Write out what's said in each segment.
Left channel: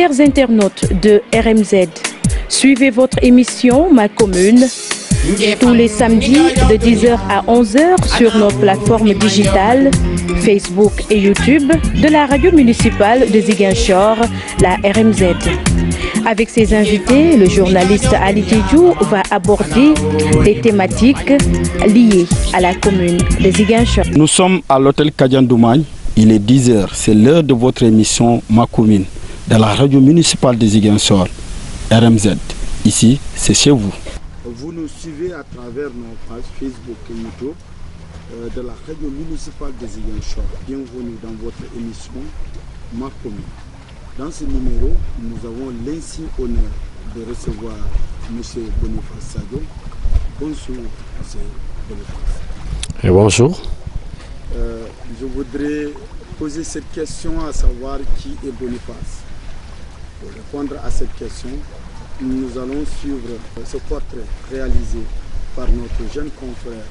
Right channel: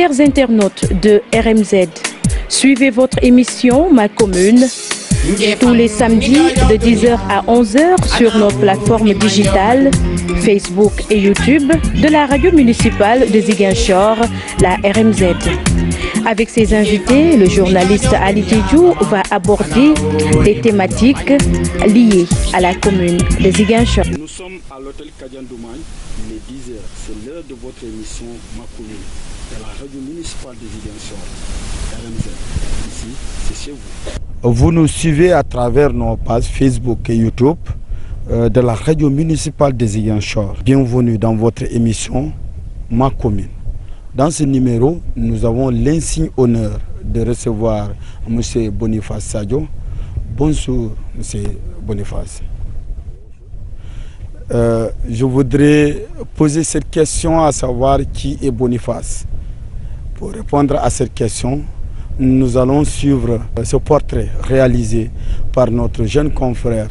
Chers internautes de RMZ, suivez votre émission Ma Commune tous les samedis de 10h à 11h sur nos plateformes digitales Facebook et YouTube de la radio municipale de Ziguinchor, la RMZ. Avec ses invités, le journaliste Ali Djedjou va aborder des thématiques liées à la commune de Ziguinchor. Nous sommes à l'hôtel Kadian Doumagne. Il est 10h, c'est l'heure de votre émission Ma Commune de la radio municipale de Ziguinchor, RMZ. Ici, c'est chez vous. Vous nous suivez à travers nos pages Facebook et YouTube de la radio municipale de Ziguinchor. Bienvenue dans votre émission Ma Commune. Dans ce numéro, nous avons l'insigne honneur de recevoir M. Boniface Sadio. Bonjour, M. Boniface. Et bonjour. Je voudrais poser cette question, à savoir qui est Boniface. Pour répondre à cette question, nous allons suivre ce portrait réalisé par notre jeune confrère,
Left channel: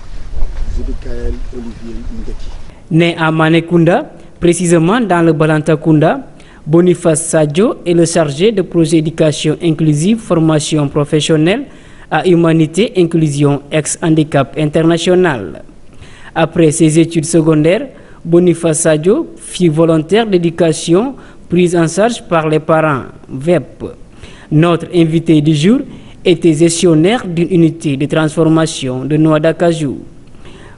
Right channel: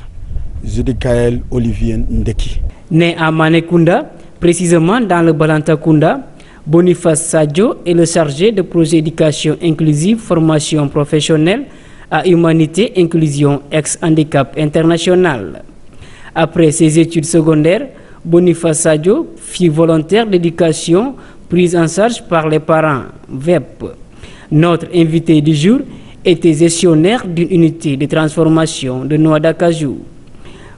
Judikaël Olivier Ndeki. Né à Manekunda, précisément dans le Balantakunda, Boniface Sadio est le chargé de projet éducation inclusive, formation professionnelle à Humanité Inclusion ex-handicap international. Après ses études secondaires, Boniface Sadio fut volontaire d'éducation prise en charge par les parents VEP. Notre invité du jour était gestionnaire d'une unité de transformation de noix d'acajou.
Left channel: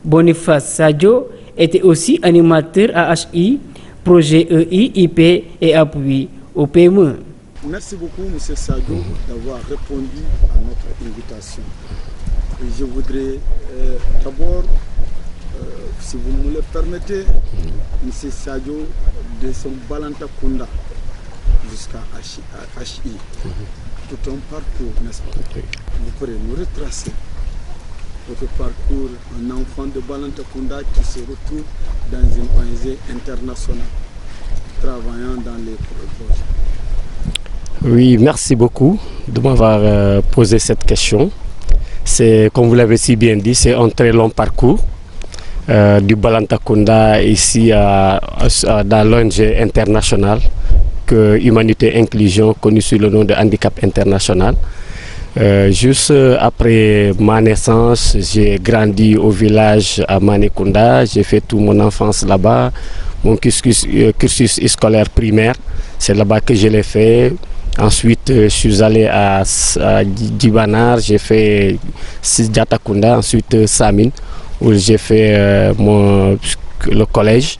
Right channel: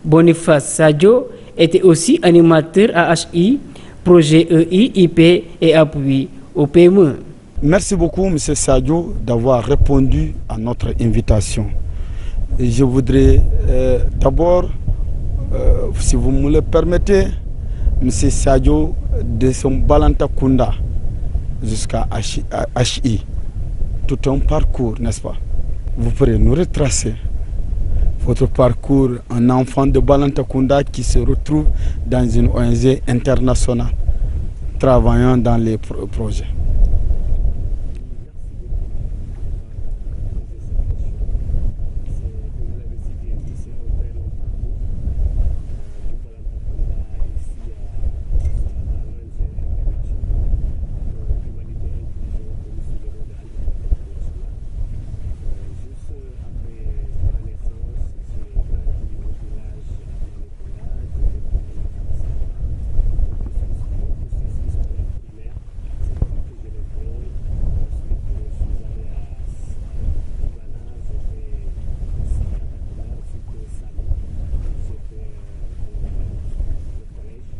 Boniface Sadio était aussi animateur à HI, projet EI, IP et appui au PME. Merci beaucoup, M. Sadio, d'avoir répondu à notre invitation. Et je voudrais d'abord, si vous me le permettez, M. Sadio, de son Balantakunda jusqu'à HI, tout un parcours, n'est-ce pas? Vous pourrez nous retracer votre parcours, un enfant de Balantakunda qui se retrouve dans une ONG internationale, travaillant dans les projets. Oui, merci beaucoup de m'avoir posé cette question. C'est, comme vous l'avez si bien dit, c'est un très long parcours du Balantakunda ici dans l'ONG internationale que Humanité Inclusion, connue sous le nom de Handicap International. Juste après ma naissance, j'ai grandi au village à Manekunda. J'ai fait toute mon enfance là-bas. Mon cursus scolaire primaire, c'est là-bas que je l'ai fait. Ensuite, je suis allé à Djibanar, j'ai fait Djatakunda, ensuite Samine, où j'ai fait le collège.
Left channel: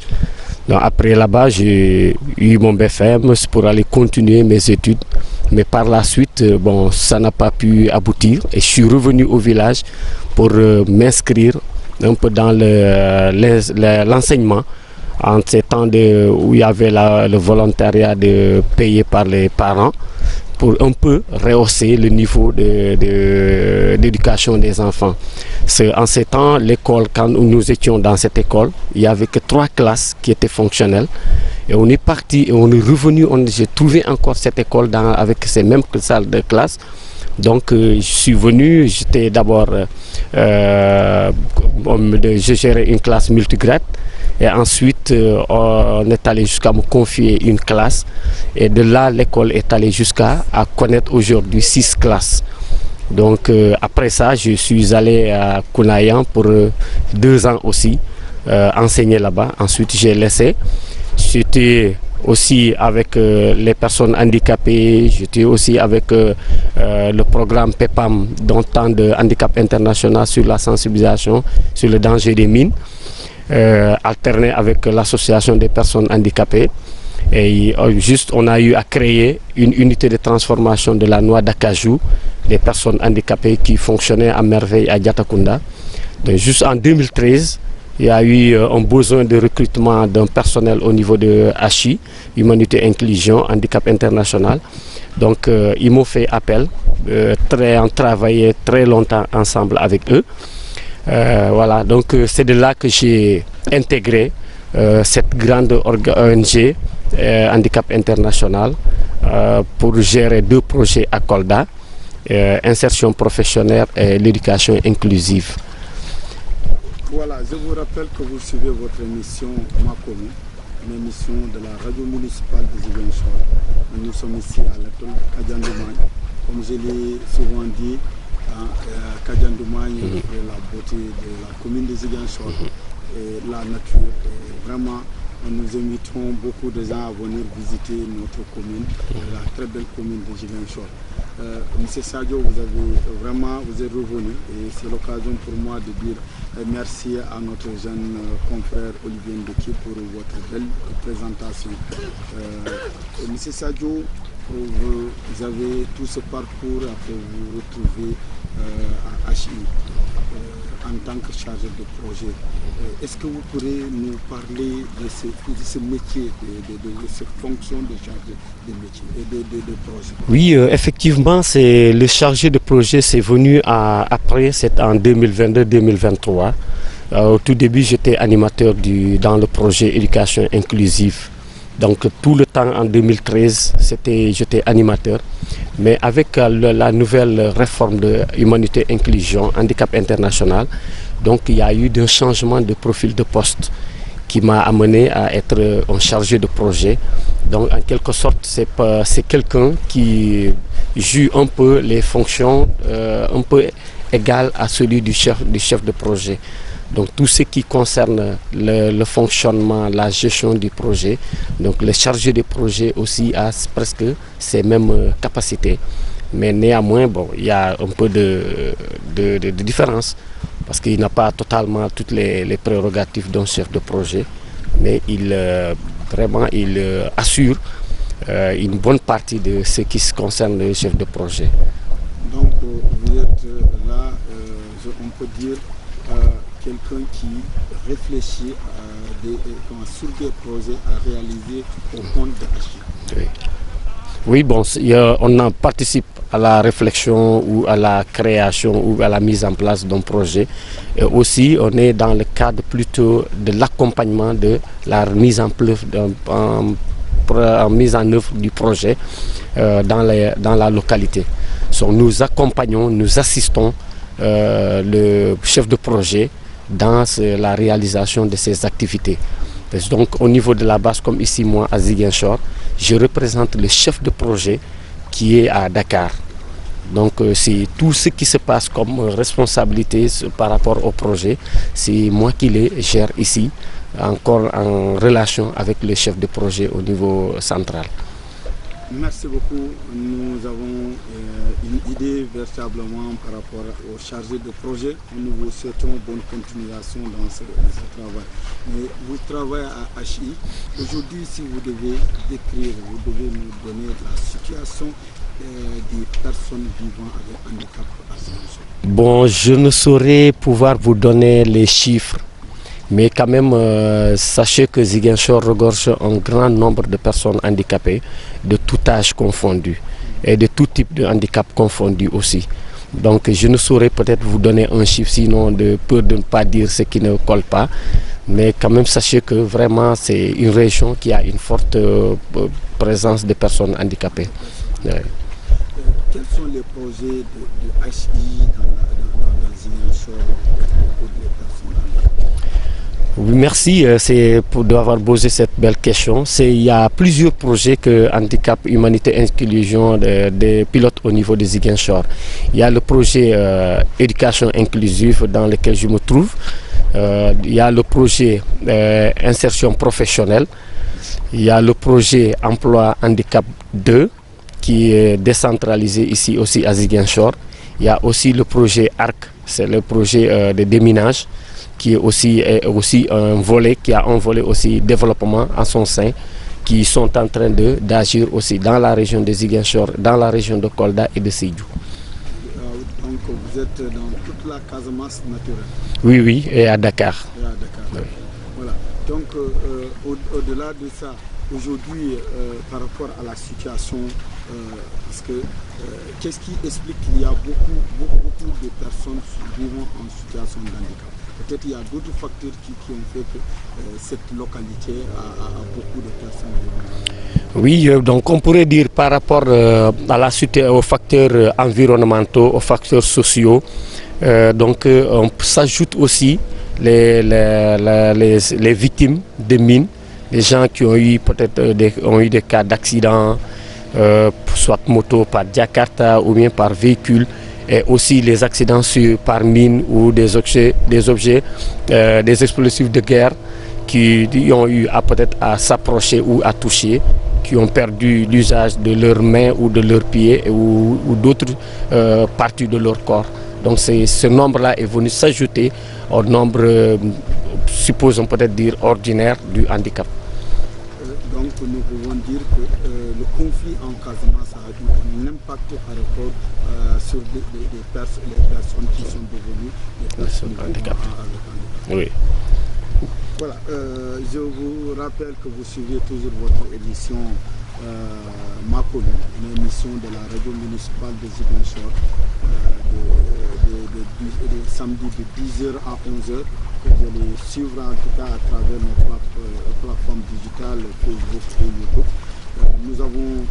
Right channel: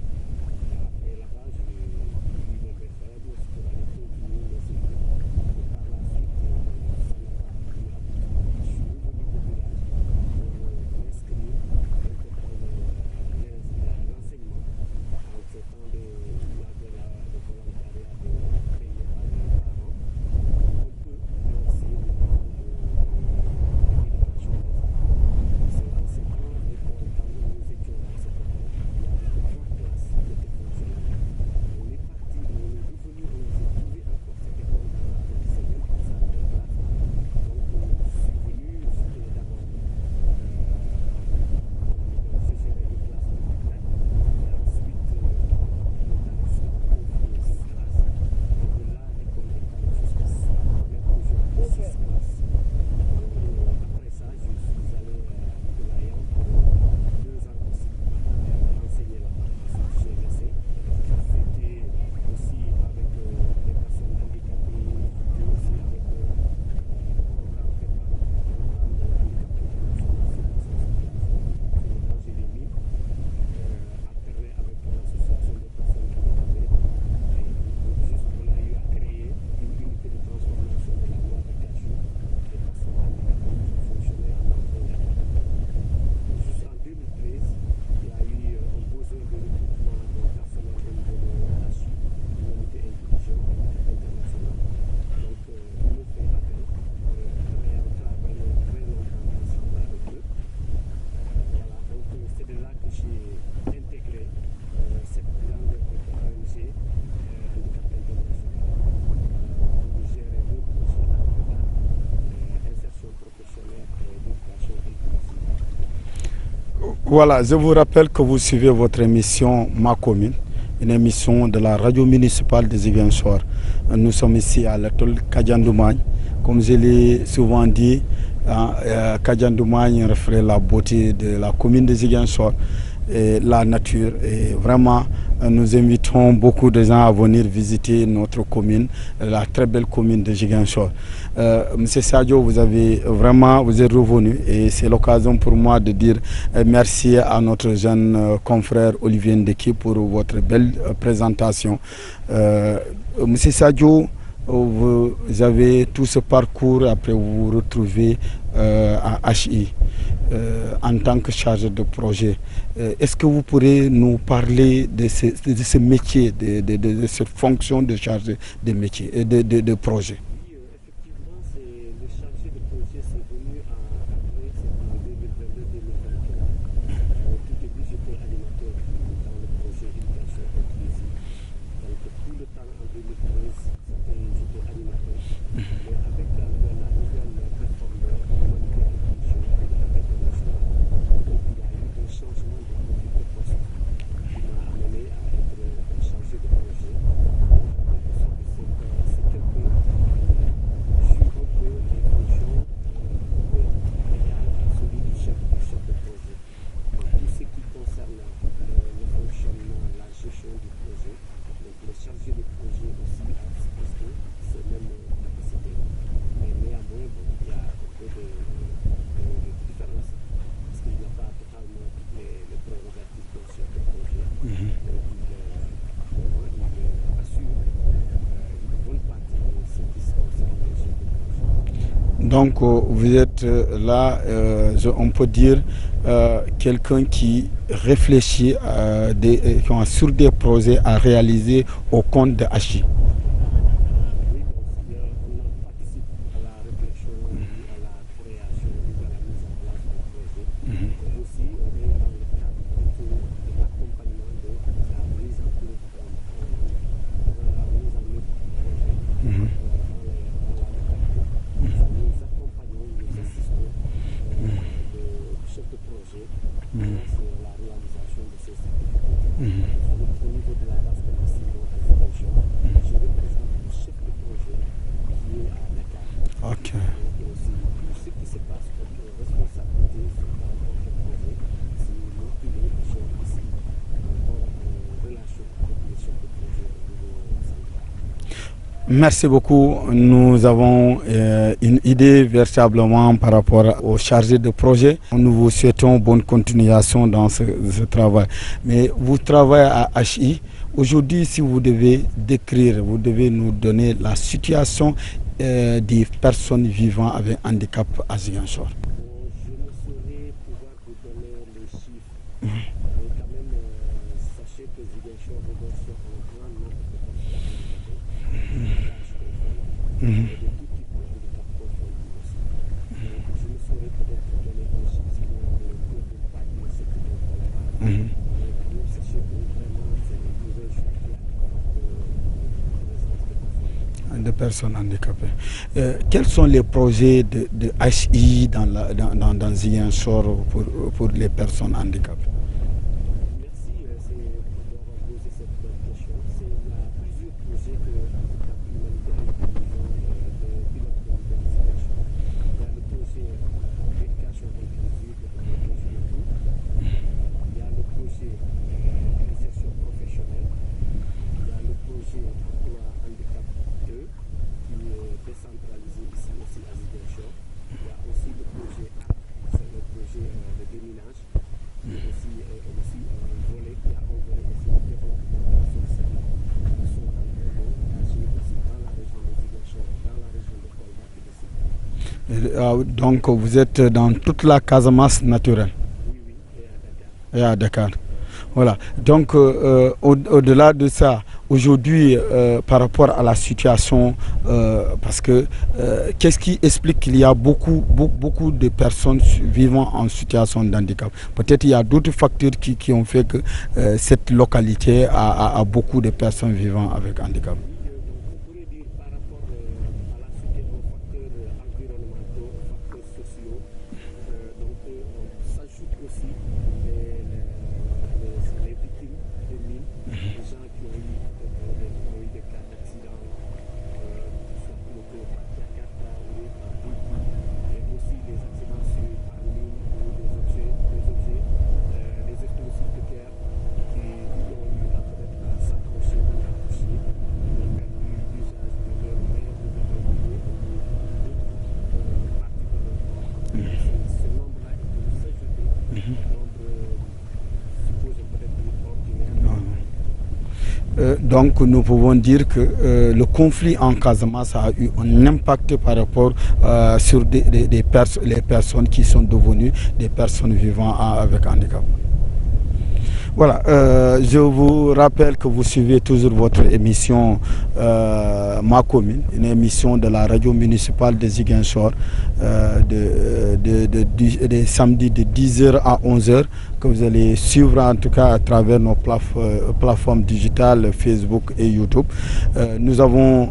Donc, après là-bas, j'ai eu mon BFM pour aller continuer mes études. Mais par la suite, bon, ça n'a pas pu aboutir. Et je suis revenu au village pour m'inscrire un peu dans l'enseignement. En ces temps où il y avait le volontariat payé par les parents, pour un peu rehausser le niveau d'éducation des enfants. En ces temps, l'école, quand nous étions dans cette école, il n'y avait que 3 classes qui étaient fonctionnelles. Et on est parti et on est revenu, j'ai trouvé encore cette école avec ces mêmes salles de classe. Donc je suis venu, j'étais d'abord, je gérais une classe multigrade. Et ensuite, on est allé jusqu'à me confier une classe. Et de là, l'école est allée jusqu'à connaître aujourd'hui 6 classes. Donc après ça, je suis allé à Kounayan pour 2 ans aussi, enseigner là-bas. Ensuite, j'ai laissé. J'étais aussi avec les personnes handicapées, j'étais aussi avec le programme PEPAM, dont temps de handicap international sur la sensibilisation, sur le danger des mines. Alterné avec l'association des personnes handicapées. Et juste, on a eu à créer une unité de transformation de la noix d'acajou des personnes handicapées qui fonctionnait à merveille à Djatakunda. Donc, juste en 2013, il y a eu un besoin de recrutement d'un personnel au niveau de HI, Humanité Inclusion, Handicap International. Donc, ils m'ont fait appel, on travaillé très longtemps ensemble avec eux. Voilà, donc c'est de là que j'ai intégré cette grande ONG Handicap International pour gérer 2 projets à Kolda, insertion professionnelle et l'éducation inclusive. Voilà, je vous rappelle que vous suivez votre émission Ma Commune, une émission de la radio municipale de Ziguinchor, Nous sommes ici à l'atol Kadiandoumagne. Comme je l'ai souvent dit, Kadiandoumagne reflète la beauté de la commune de Ziguinchor et la nature. Et vraiment, nous invitons beaucoup de gens à venir visiter notre commune, la très belle commune de Ziguinchor. Monsieur Sadio, vous êtes revenu et c'est l'occasion pour moi de dire merci à notre jeune confrère Olivier Ndeki pour votre belle présentation. Monsieur Sadio, vous avez tout ce parcours, après vous vous retrouvez à HI en tant que chargé de projet. Est-ce que vous pourrez nous parler de ce métier, de cette fonction de chargé de métier, de projet? Oui, effectivement, c'est le chargé de projet, c'est venu après, c'est en 2022-2023. Au tout début, j'étais animateur dans le projet éducation inclusive. Donc tout le temps en 2013, j'étais animateur. Mais avec la nouvelle réforme de Humanité Inclusion, Handicap International, donc il y a eu un changement de profil de poste qui m'a amené à être un chargé de projet. Donc en quelque sorte, c'est quelqu'un qui joue un peu les fonctions un peu égales à celui du chef de projet. Donc tout ce qui concerne le fonctionnement, la gestion du projet, donc le chargé de projet aussi a presque ces mêmes capacités. Mais néanmoins, bon, il y a un peu de différence parce qu'il n'a pas totalement toutes les prérogatives d'un chef de projet, mais il assure une bonne partie de ce qui concerne le chef de projet. Donc vous êtes là, on peut dire, quelqu'un qui réfléchit sur des projets à réaliser au compte de HI. Oui, bon, on en participe à la réflexion ou à la création ou à la mise en place d'un projet. Et aussi, on est dans le cadre plutôt de l'accompagnement de la mise en œuvre du projet dans la localité. Donc, nous accompagnons, nous assistons le chef de projet dans la réalisation de ces activités. Donc au niveau de la base, comme ici moi à Ziguinchor, je représente le chef de projet qui est à Dakar. Donc c'est tout ce qui se passe comme responsabilité par rapport au projet, c'est moi qui les gère ici, encore en relation avec le chef de projet au niveau central. Merci beaucoup. Nous avons une idée véritablement par rapport au chargé de projet. Nous vous souhaitons bonne continuation dans ce travail. Mais vous travaillez à HI. Aujourd'hui, si vous devez décrire, vous devez nous donner la situation des personnes vivant avec handicap à Ziguinchor. Bon, je ne saurais pouvoir vous donner les chiffres. Mais quand même, sachez que Ziguinchor regorge un grand nombre de personnes handicapées, de tout âge confondu, et de tout type de handicap confondu aussi. Donc je ne saurais peut-être vous donner un chiffre, sinon de peur de ne pas dire ce qui ne colle pas. Mais quand même, sachez que vraiment, c'est une région qui a une forte présence de personnes handicapées. Quels sont les projets de HI dans Ziguinchor pour les personnes handicapées? Oui, merci d'avoir posé cette belle question. Il y a plusieurs projets que Handicap, Humanité, Inclusion des pilotes au niveau de Ziguinchor. Il y a le projet éducation inclusive dans lequel je me trouve. Il y a le projet insertion professionnelle. Il y a le projet emploi handicap 2 qui est décentralisé ici aussi à Ziguinchor. Il y a aussi le projet ARC, c'est le projet de déminage, qui est aussi un volet, qui a un volet aussi développement en son sein, qui sont en train d'agir aussi dans la région de Ziguinchor, dans la région de Kolda et de Sédhiou. Donc vous êtes dans toute la Casamance naturelle? Oui, et à Dakar. Et à Dakar. Voilà. Donc au-delà de ça, aujourd'hui, par rapport à la situation, parce que qu'est-ce qui explique qu'il y a beaucoup de personnes vivant en situation de handicap? Peut-être il y a d'autres facteurs qui ont fait que cette localité a beaucoup de personnes vivant avec handicap. Oui, donc on pourrait dire par rapport aux facteurs environnementaux, aux facteurs sociaux, donc on s'ajoute aussi les victimes de mines, les gens qui ont eu peut-être des cas d'accidents, soit moto, par Jakarta ou bien par véhicule, et aussi les accidents par mine ou des explosifs de guerre qui ont eu peut-être à s'approcher ou à toucher, qui ont perdu l'usage de leurs mains ou de leurs pieds ou d'autres parties de leur corps. Donc ce nombre-là est venu s'ajouter au nombre, supposons peut-être dire, ordinaire du handicap. Donc nous pouvons dire que le conflit en Casamance a eu un impact par rapport sur les personnes qui sont devenues des personnes vivant avec handicap. Oui. Voilà, je vous rappelle que vous suivez toujours votre émission Ma Commune, une émission de la radio municipale de Ziguinchor, des samedis de 10h à 11h, que vous allez suivre en tout cas à travers nos plateformes digitales Facebook et YouTube. Nous avons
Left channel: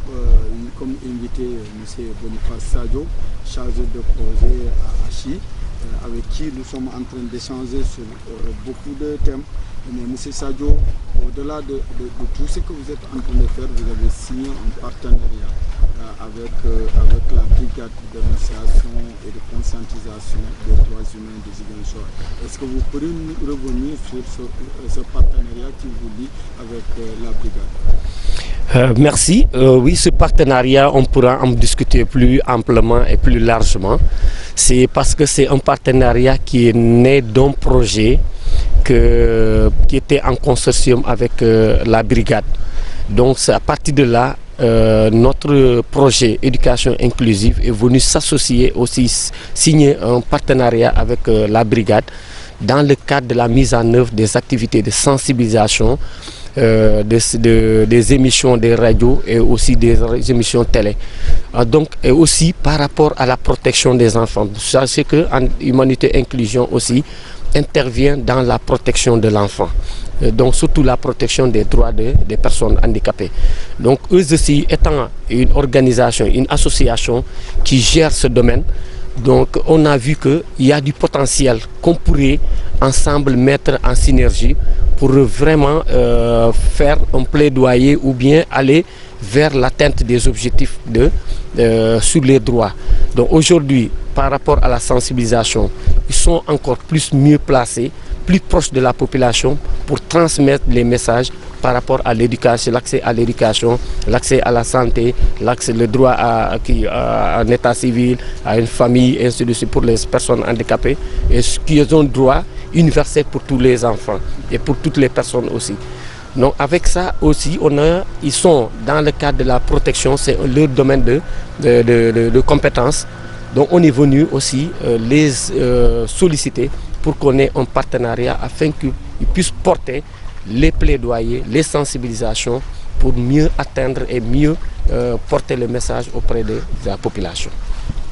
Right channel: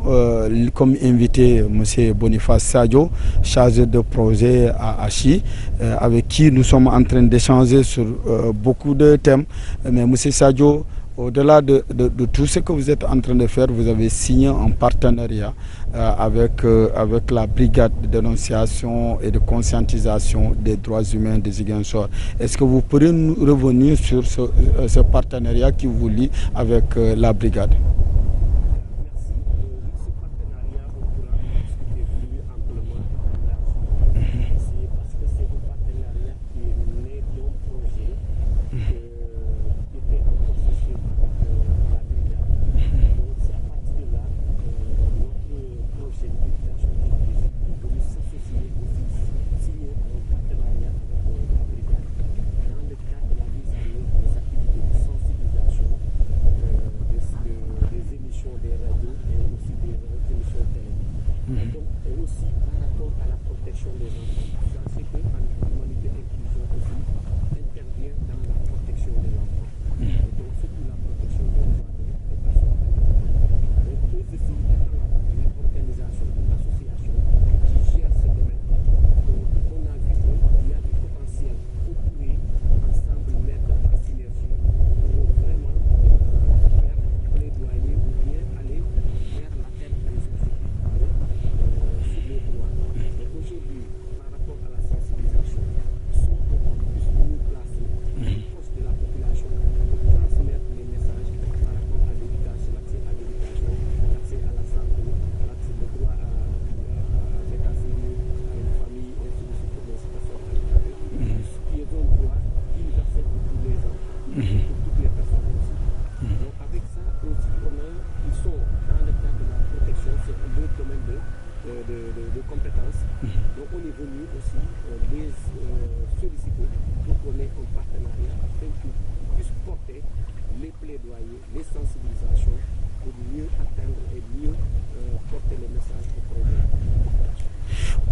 comme invité M. Boniface Sadio, chargé de projet à Achi, avec qui nous sommes en train d'échanger sur beaucoup de thèmes. Mais M. Sadio, au-delà de tout ce que vous êtes en train de faire, vous avez signé un partenariat avec la brigade de dénonciation et de conscientisation des droits humains de Ziguinchor. Est-ce que vous pourriez nous revenir sur ce partenariat qui vous lie avec la brigade? Merci. Oui, ce partenariat, on pourra en discuter plus amplement et plus largement. C'est parce que c'est un partenariat qui est né d'un projet qui était en consortium avec la brigade. Donc c'est à partir de là, notre projet éducation inclusive est venu s'associer aussi, signer un partenariat avec la brigade dans le cadre de la mise en œuvre des activités de sensibilisation, des émissions des radios et aussi des émissions télé. Donc, et aussi par rapport à la protection des enfants. Sachez que Humanité Inclusion aussi intervient dans la protection de l'enfant. Donc surtout la protection des droits des personnes handicapées. Donc eux aussi étant une organisation, une association qui gère ce domaine, donc on a vu qu'il y a du potentiel qu'on pourrait ensemble mettre en synergie pour vraiment faire un plaidoyer ou bien aller vers l'atteinte des objectifs sur les droits. Donc aujourd'hui, par rapport à la sensibilisation, ils sont encore mieux placés, plus proches de la population pour transmettre les messages par rapport à l'éducation, l'accès à l'éducation, l'accès à la santé, le droit à un état civil, à une famille, et ainsi de suite pour les personnes handicapées, et qu'ils ont droit universel pour tous les enfants et pour toutes les personnes aussi. Donc avec ça aussi, ils sont dans le cadre de la protection, c'est leur domaine de compétences. Donc on est venu aussi les solliciter pour qu'on ait un partenariat afin qu'ils puissent porter les plaidoyers, les sensibilisations pour mieux atteindre et mieux porter le message auprès de la population.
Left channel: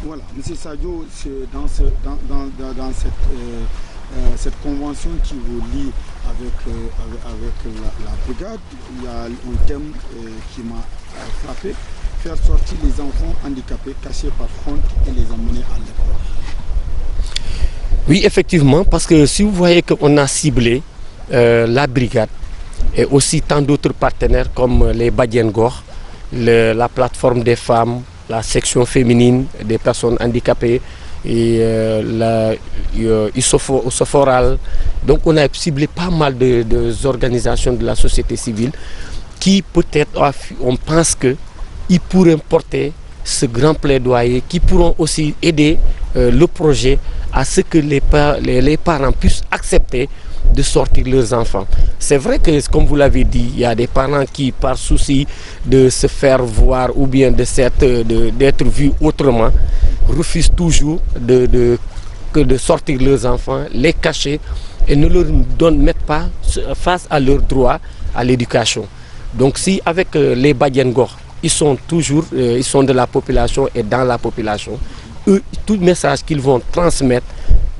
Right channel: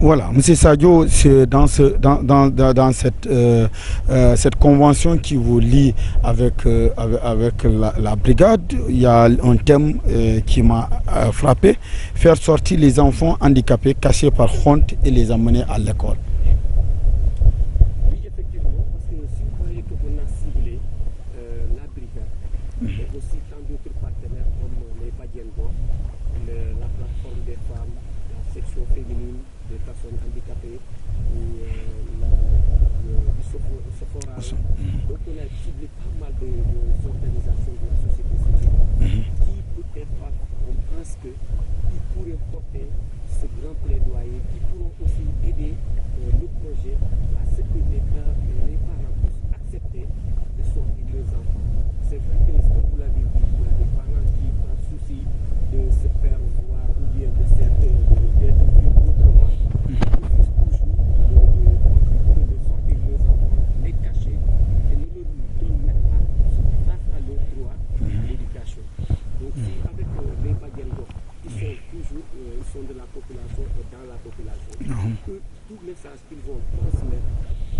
Voilà, M. Sadio, c'est dans cette convention qui vous lie avec la brigade, il y a un thème qui m'a frappé, faire sortir les enfants handicapés cachés par honte et les amener à l'école. Oui, effectivement, parce que si vous voyez qu'on a ciblé la brigade et aussi tant d'autres partenaires comme les Badiengor, la plateforme des femmes, la section féminine des personnes handicapées et Isoforal. Donc on a ciblé pas mal de organisations de la société civile qui peut-être, on pense qu'ils pourraient porter ce grand plaidoyer, qui pourront aussi aider le projet à ce que les parents puissent accepter de sortir leurs enfants. C'est vrai que, comme vous l'avez dit, il y a des parents qui, par souci de se faire voir ou bien d'être vus autrement, refusent toujours de sortir leurs enfants, les cacher et ne leur mettent pas face à leurs droits à l'éducation. Donc si avec les Badiengor, ils sont de la population et dans la population, eux, tout message qu'ils vont transmettre,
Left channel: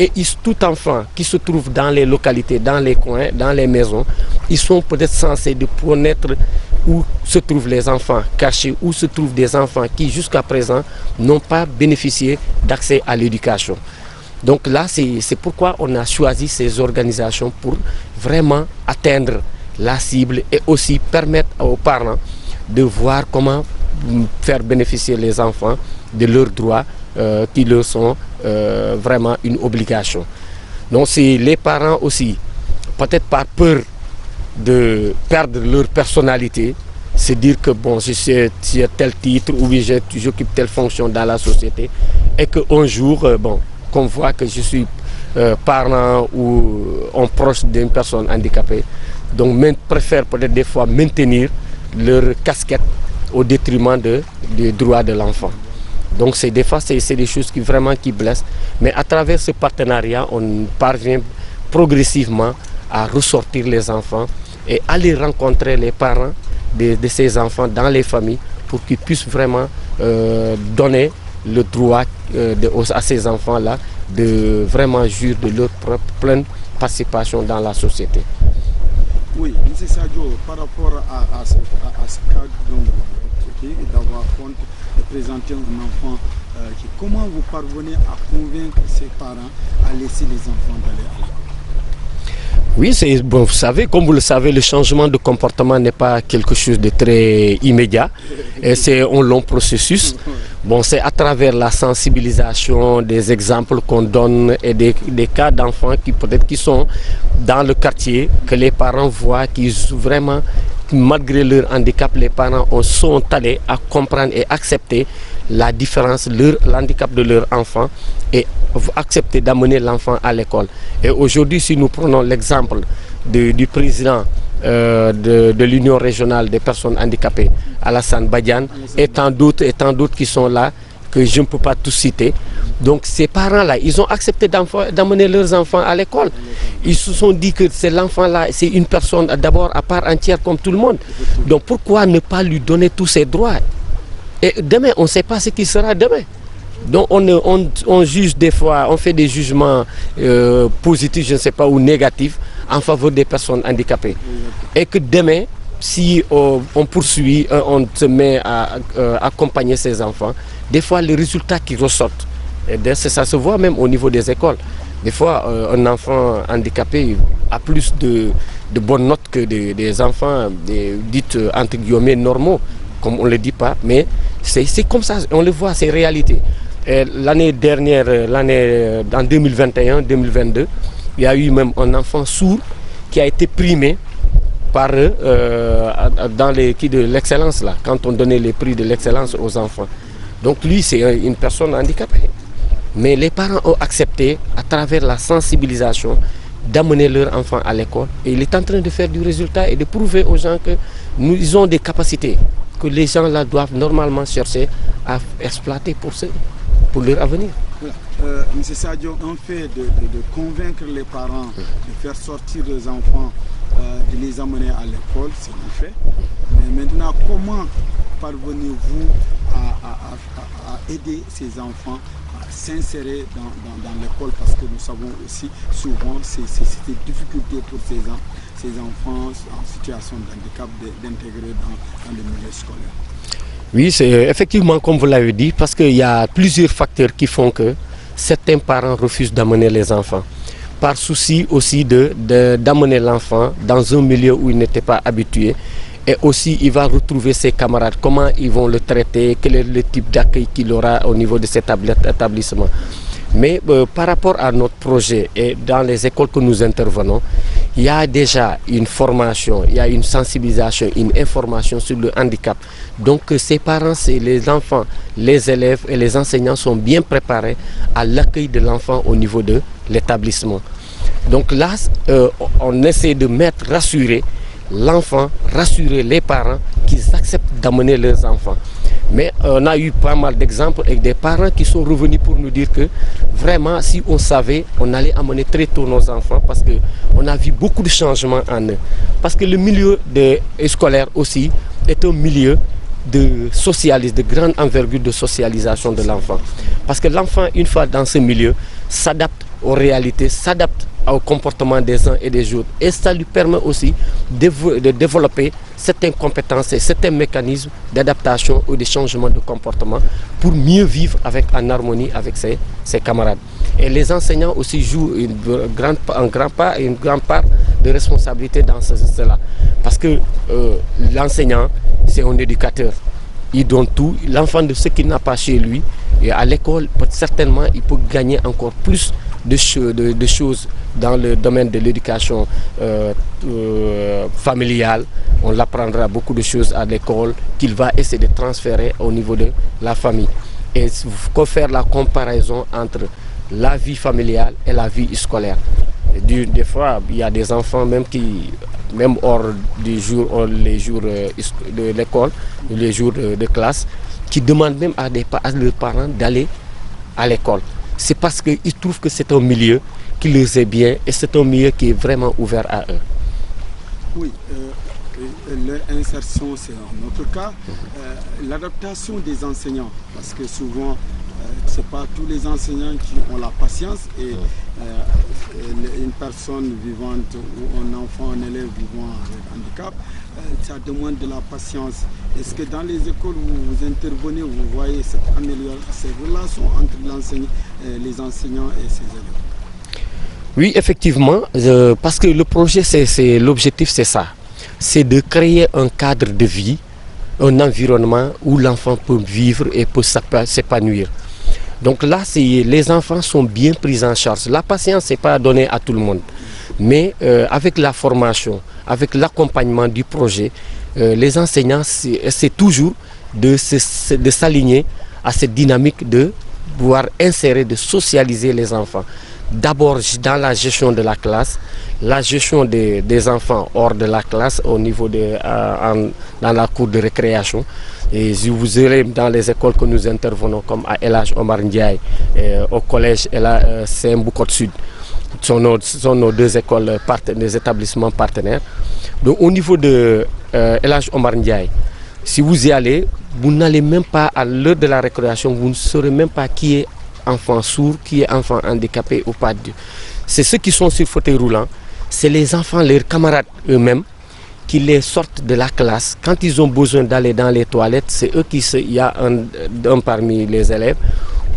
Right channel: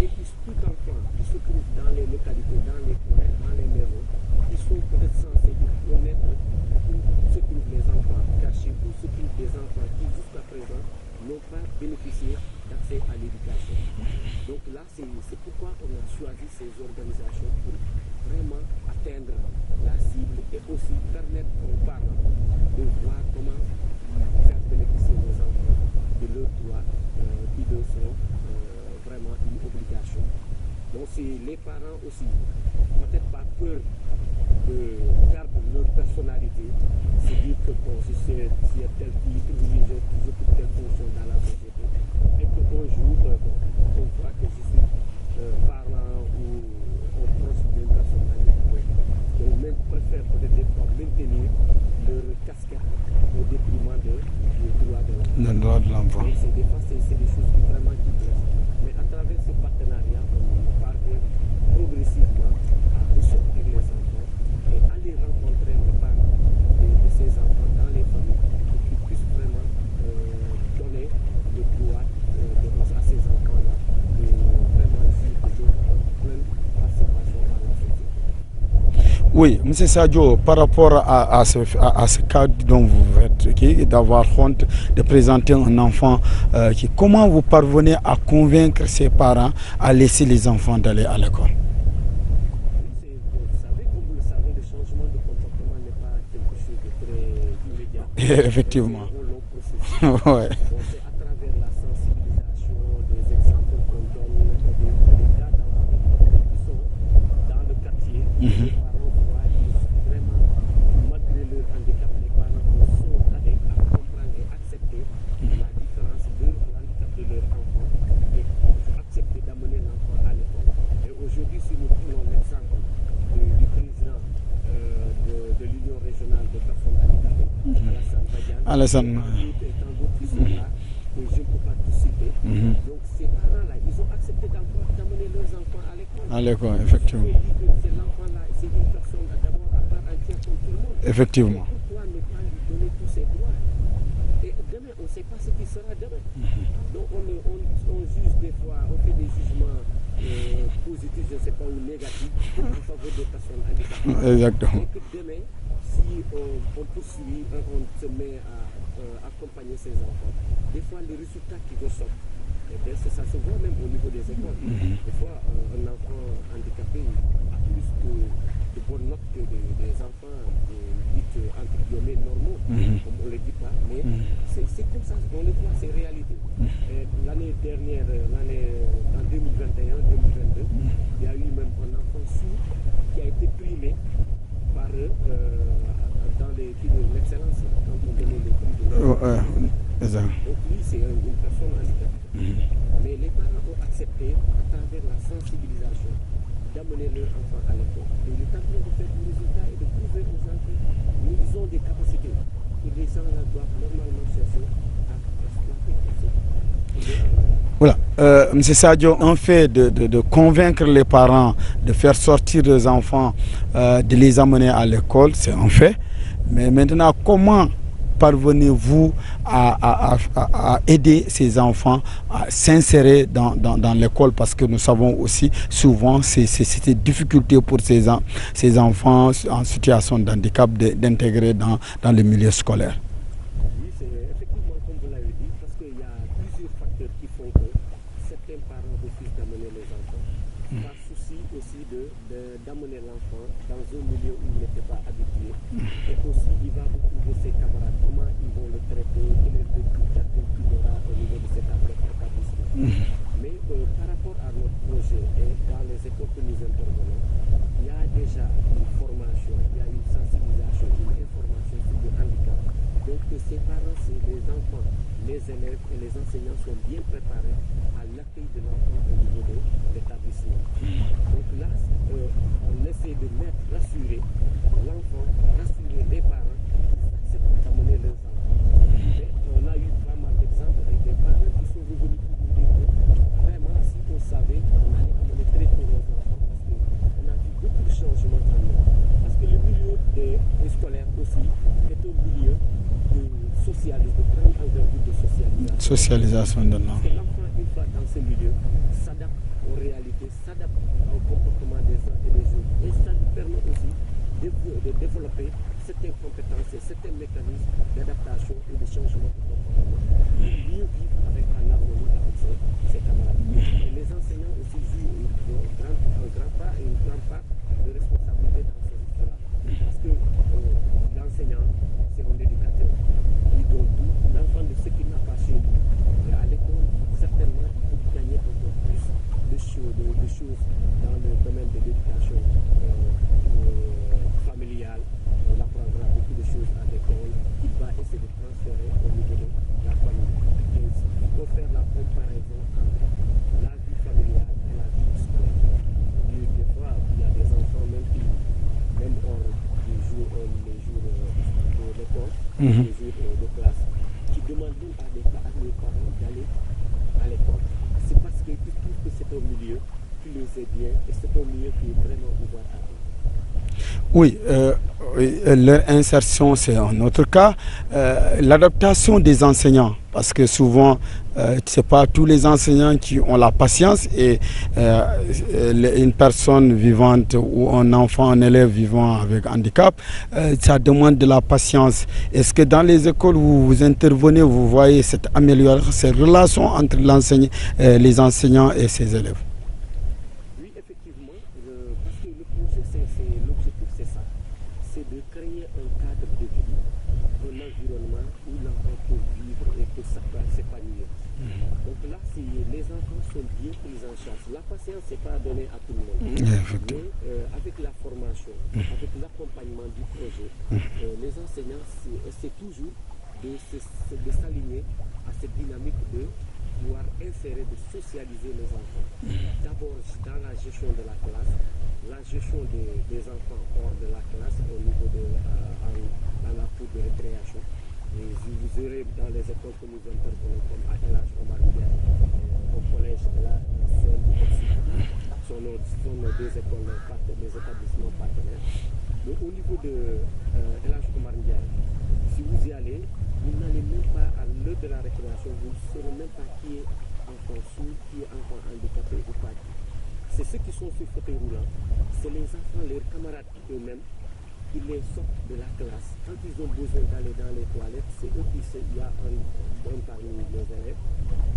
et tout enfant qui se trouve dans les localités, dans les coins, dans les maisons, ils sont peut-être censés de connaître où se trouvent les enfants cachés, où se trouvent des enfants qui jusqu'à présent n'ont pas bénéficié d'accès à l'éducation. Donc là, c'est pourquoi on a choisi ces organisations pour vraiment atteindre la cible et aussi permettre aux parents de voir comment faire bénéficier les enfants de leurs droits qui leur sont vraiment une obligation. Donc c'est les parents aussi, peut-être par peur de perdre leur personnalité, c'est dire que bon, j'ai tel titre ou j'occupe telle fonction dans la société et qu'un jour, bon, qu'on voit que je suis parent ou proche d'une personne handicapée, donc préfèrent peut-être des fois maintenir leur casquette au détriment des droits de l'enfant. Donc des fois c'est des choses qui blessent, mais à travers ce partenariat on parvient progressivement à ressortir les enfants et aller rencontrer les parents de ces enfants dans les familles pour qu'ils puissent vraiment donner le droit à ces enfants-là de vraiment jouir de leur propre pleine participation dans la société. Oui, M. Sadio, par rapport à ce cas dont vous faites, d'avoir honte de présenter un enfant, comment vous parvenez à convaincre ses parents à laisser les enfants d'aller à l'école? Oui, bon, vous savez, comme vous le savez, le changement de comportement n'est pas quelque chose de très immédiat et c'est un long processus. Ouais. Bon, c'est à travers la sensibilisation, des exemples qu'on donne et des cas d'enfants qui sont dans le quartier, que les parents voient, qu'ils vraiment, malgré leur handicap, les parents sont allés à comprendre et accepter la différence, l'handicap de leur enfant et accepter d'amener l'enfant à l'école. Et aujourd'hui, si nous prenons l'exemple du président de l'Union régionale des personnes handicapées, Alassane Badiane, et tant d'autres qui sont là, que je ne peux pas tous citer. Donc ces parents-là, ils ont accepté d'amener leurs enfants à l'école. Ils se sont dit que l'enfant-là, c'est une personne d'abord à part entière comme tout le monde. Donc pourquoi ne pas lui donner tous ses droits? Et demain, on ne sait pas ce qui sera demain. Donc on juge des fois, on fait des jugements positifs, je ne sais pas, ou négatifs en faveur des personnes handicapées. Exactement. Et que demain, si on poursuit, on se met à accompagner ces enfants, des fois les résultats qui ressortent, et ça se voit même au niveau des écoles. Des fois, un enfant handicapé a plus de bonnes notes que des enfants dites entre guillemets normaux, comme on ne le dit pas, mais c'est comme ça, on le voit, c'est réalité. L'année dernière, en 2021-2022, il y a eu même un enfant sourd qui a été primé par dans les prix de l'excellence, là, quand on donnait les prix de l'excellence aux enfants. Donc lui, c'est une personne handicapée. Mais les parents ont accepté, à travers la sensibilisation, d'amener leur enfant à l'école. Et il est en train de faire du résultat et de prouver aux gens que nous avons des capacités que les gens là doivent normalement chercher à exploiter pour leur avenir. Voilà. M. Sadio, un fait de convaincre les parents de faire sortir les enfants, de les amener à l'école, c'est un fait. Mais maintenant, comment parvenez-vous à aider ces enfants à s'insérer dans l'école? Parce que nous savons aussi souvent c'est des difficultés pour ces enfants en situation de handicap d'intégrer dans le milieu scolaire. Oui, c'est effectivement comme vous l'avez dit, parce qu'il y a plusieurs facteurs qui font que certains parents refusent d'amener les enfants. Par souci aussi d'amener l'enfant dans un milieu où il n'était pas habitué. Et aussi, il va retrouver ses camarades, comment ils vont le traiter, quel est le type d'accueil qu'il aura au niveau de cet établissement. Mais par rapport à notre projet et dans les écoles que nous intervenons, il y a déjà une formation, il y a une sensibilisation, une information sur le handicap. Donc ces parents, les enfants, les élèves et les enseignants sont bien préparés à l'accueil de l'enfant au niveau de l'établissement. Donc là, on essaie de rassurer l'enfant, rassurer les parents qu'ils acceptent d'amener leurs enfants. Mais on a eu pas mal d'exemples avec des parents qui sont revenus pour nous dire que vraiment, si on savait, on allait amener très tôt nos enfants parce qu'on a vu beaucoup de changements en eux. Parce que le milieu scolaire aussi est un milieu de grande envergure de socialisation de l'enfant. Parce que l'enfant, une fois dans ce milieu, s'adapte aux réalités, s'adapte au comportement des uns et des autres. Et ça lui permet aussi de développer certaines compétences et certains mécanismes d'adaptation ou de changement de comportement pour mieux vivre en harmonie avec ses camarades. Et les enseignants aussi jouent une grande part de responsabilité dans cela. Parce que l'enseignant, c'est un éducateur. il donne tout. L'enfant de ce qu'il n'a pas chez lui, et à l'école, certainement, il peut gagner encore plus de choses dans le domaine de l'éducation familiale. On l'apprendra beaucoup de choses à l'école qu'il va essayer de transférer au niveau de la famille. Et il faut faire la comparaison entre la vie familiale et la vie scolaire. Des fois, il y a des enfants même qui, même hors les jours de l'école, les jours de classe, qui demandent même à leurs parents d'aller à l'école. C'est parce qu'ils trouvent que c'est un milieu qui les est bien et c'est un milieu qui est vraiment ouvert à eux. Oui, leur insertion, c'est un autre cas. L'adaptation des enseignants, parce que souvent, ce n'est pas tous les enseignants qui ont la patience et une personne vivante ou un enfant, un élève vivant avec handicap, ça demande de la patience. Est-ce que dans les écoles où vous intervenez, vous voyez cette amélioration, cette relation entre les enseignants et ses élèves? Oui, effectivement, parce que le projet, l'objectif, c'est ça. C'est de créer un cadre de vie, un environnement où l'enfant peut vivre et peut s'épanouir. Donc là, les enfants sont bien pris en charge. La patience n'est pas donnée à tout le monde. Mais avec la formation, avec l'accompagnement du projet, les enseignants, c'est toujours de s'aligner à cette dynamique de pouvoir insérer, de socialiser les enfants. D'abord dans la gestion de la classe, la gestion des enfants hors de la classe, au niveau dans la cour de récréation. Et si vous irez dans les écoles que nous intervenons, comme à El Hadj Omar Ndiaye, au collège Sembukot Sud, ce sont nos deux écoles, des établissements partenaires. Donc au niveau de El Hadj Omar Ndiaye, si vous y allez, vous n'allez même pas à l'heure de la récréation, vous ne saurez même pas qui est enfant sourd, qui est enfant handicapé ou pas. C'est ceux qui sont sur fauteuil roulant, c'est les enfants, leurs camarades eux-mêmes, qui les sortent de la classe. Quand ils ont besoin d'aller dans les toilettes, c'est eux il y a un parmi les élèves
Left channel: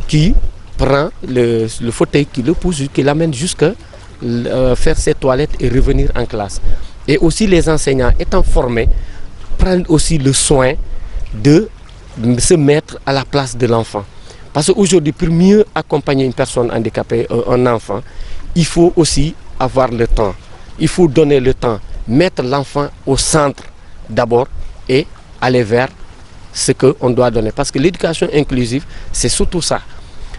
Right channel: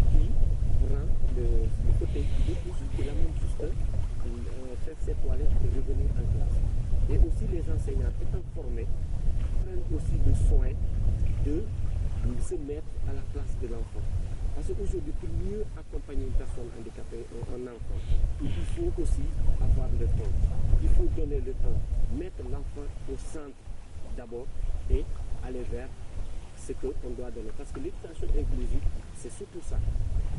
qui prend le fauteuil, qui le pousse, qui l'amène jusqu'à faire ses toilettes et revenir en classe. Et aussi les enseignants étant formés, prennent aussi le soin de se mettre à la place de l'enfant. Parce qu'aujourd'hui, pour mieux accompagner une personne handicapée, un enfant, il faut aussi avoir le temps. Il faut donner le temps, mettre l'enfant au centre d'abord et aller vers ce qu'on doit donner. Parce que l'éducation inclusive, c'est surtout ça.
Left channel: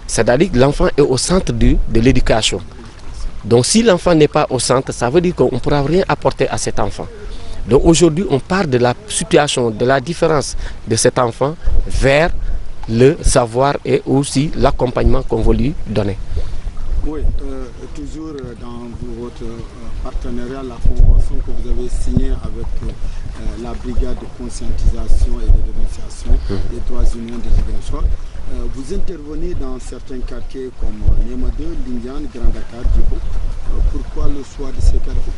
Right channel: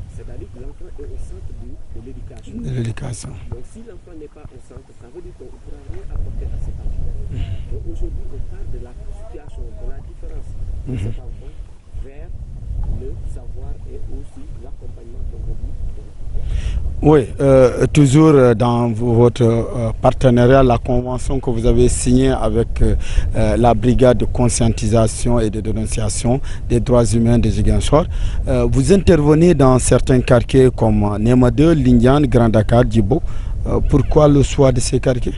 C'est-à-dire que l'enfant est au centre de l'éducation. Donc si l'enfant n'est pas au centre, ça veut dire qu'on ne pourra rien apporter à cet enfant. Donc aujourd'hui, on part de la situation, de la différence de cet enfant vers le savoir et aussi l'accompagnement qu'on veut lui donner. Oui, toujours dans votre partenariat, la convention que vous avez signée avec la brigade de conscientisation et de dénonciation des droits humains de Ziguinchor, vous intervenez dans certains quartiers comme Nema 2, Lindiane, Grand Dakar, Djibo. Pourquoi le choix de ces quartiers?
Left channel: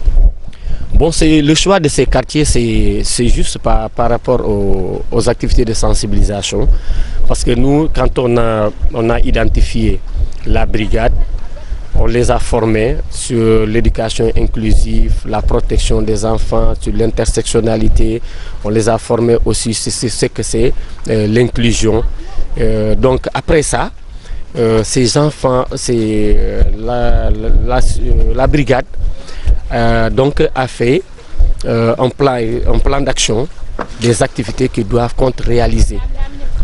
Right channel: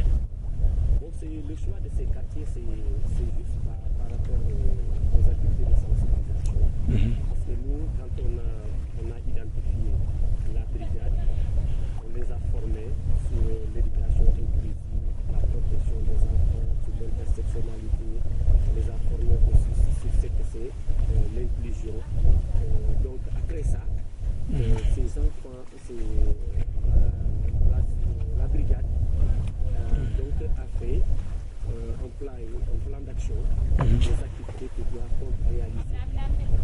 Bon, le choix de ces quartiers, c'est juste par rapport aux activités de sensibilisation. Parce que nous, quand on a identifié la brigade, on les a formés sur l'éducation inclusive, la protection des enfants, sur l'intersectionnalité. On les a formés aussi sur ce que c'est l'inclusion. Donc après ça, ces enfants, la brigade donc a fait un plan d'action des activités qu'ils doivent réaliser.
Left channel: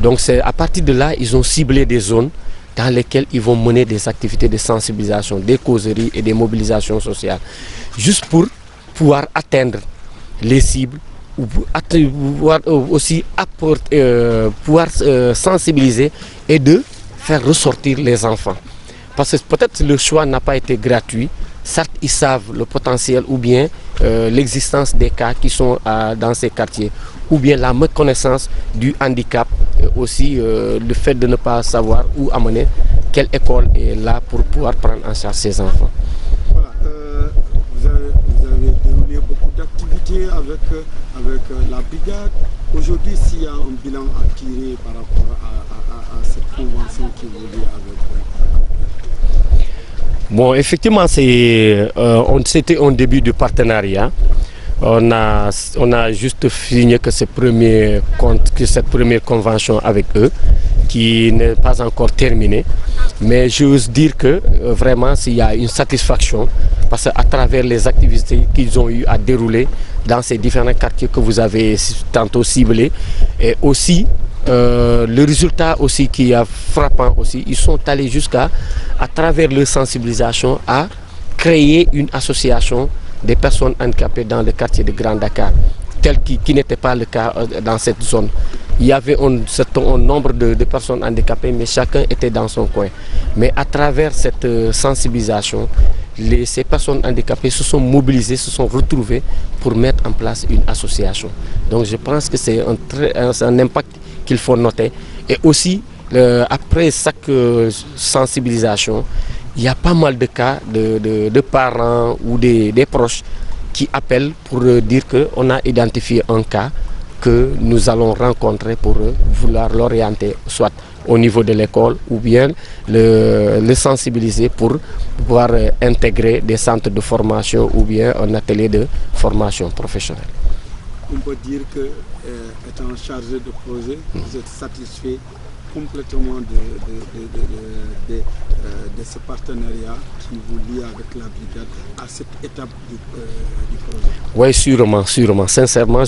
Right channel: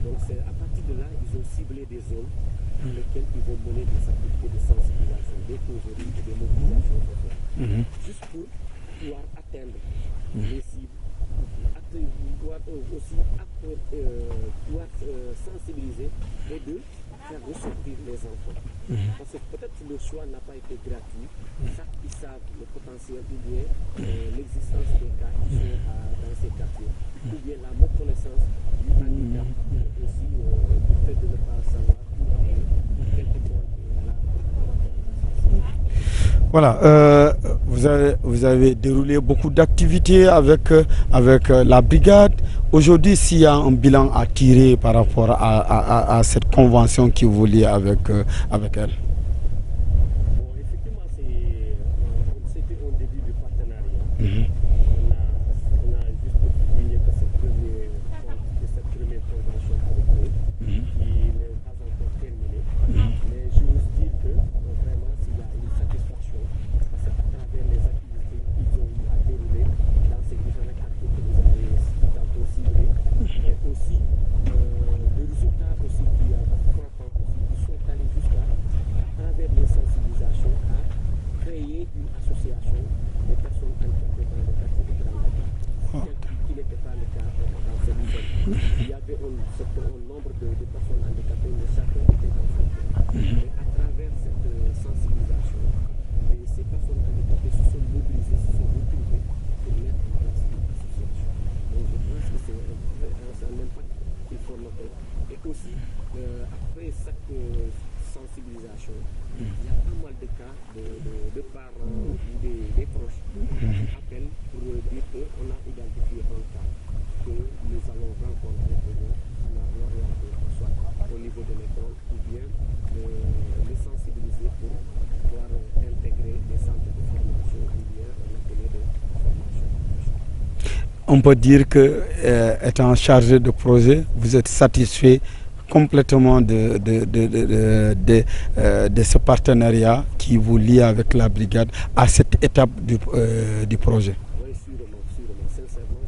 Donc c'est à partir de là, ils ont ciblé des zones dans lesquelles ils vont mener des activités de sensibilisation, des causeries et des mobilisations sociales. Juste pour pouvoir atteindre les cibles, ou pouvoir aussi pouvoir sensibiliser et de faire ressortir les enfants. Parce que peut-être le choix n'a pas été gratuit. Certes, ils savent le potentiel ou bien l'existence des cas qui sont dans ces quartiers, ou bien la méconnaissance du handicap, aussi le fait de ne pas savoir où amener, quelle école est là pour pouvoir prendre en charge ces enfants. Voilà, vous avez déroulé beaucoup d'activités avec la brigade. Aujourd'hui, s'il y a un bilan à tirer par rapport à cette convention qui vous lie avec elle. Bon, effectivement, c'était un début de partenariat. On a juste signé que cette première convention avec eux, qui n'est pas encore terminée. Mais j'ose dire que vraiment il y a une satisfaction parce qu'à travers les activités qu'ils ont eu à dérouler dans ces différents quartiers que vous avez tantôt ciblés, et aussi le résultat aussi qui est frappant aussi, ils sont allés jusqu'à travers leur sensibilisation à créer une association des personnes handicapées dans le quartier de Grand Dakar, tel qui n'était pas le cas dans cette zone. Il y avait un certain nombre de personnes handicapées, mais chacun était dans son coin. Mais à travers cette sensibilisation, ces personnes handicapées se sont mobilisées, se sont retrouvées pour mettre en place une association. Donc je pense que c'est un impact qu'il faut noter. Et aussi, après chaque sensibilisation, il y a pas mal de cas de parents ou des proches qui appellent pour dire qu'on a identifié un cas que nous allons rencontrer pour vouloir l'orienter soit au niveau de l'école ou bien le sensibiliser pour pouvoir intégrer des centres de formation ou bien un atelier de formation professionnelle. On peut dire que, étant chargé de projet, vous êtes satisfait complètement de ce partenariat qui vous lie avec la brigade à cette étape du projet. Oui, sûrement. Sincèrement,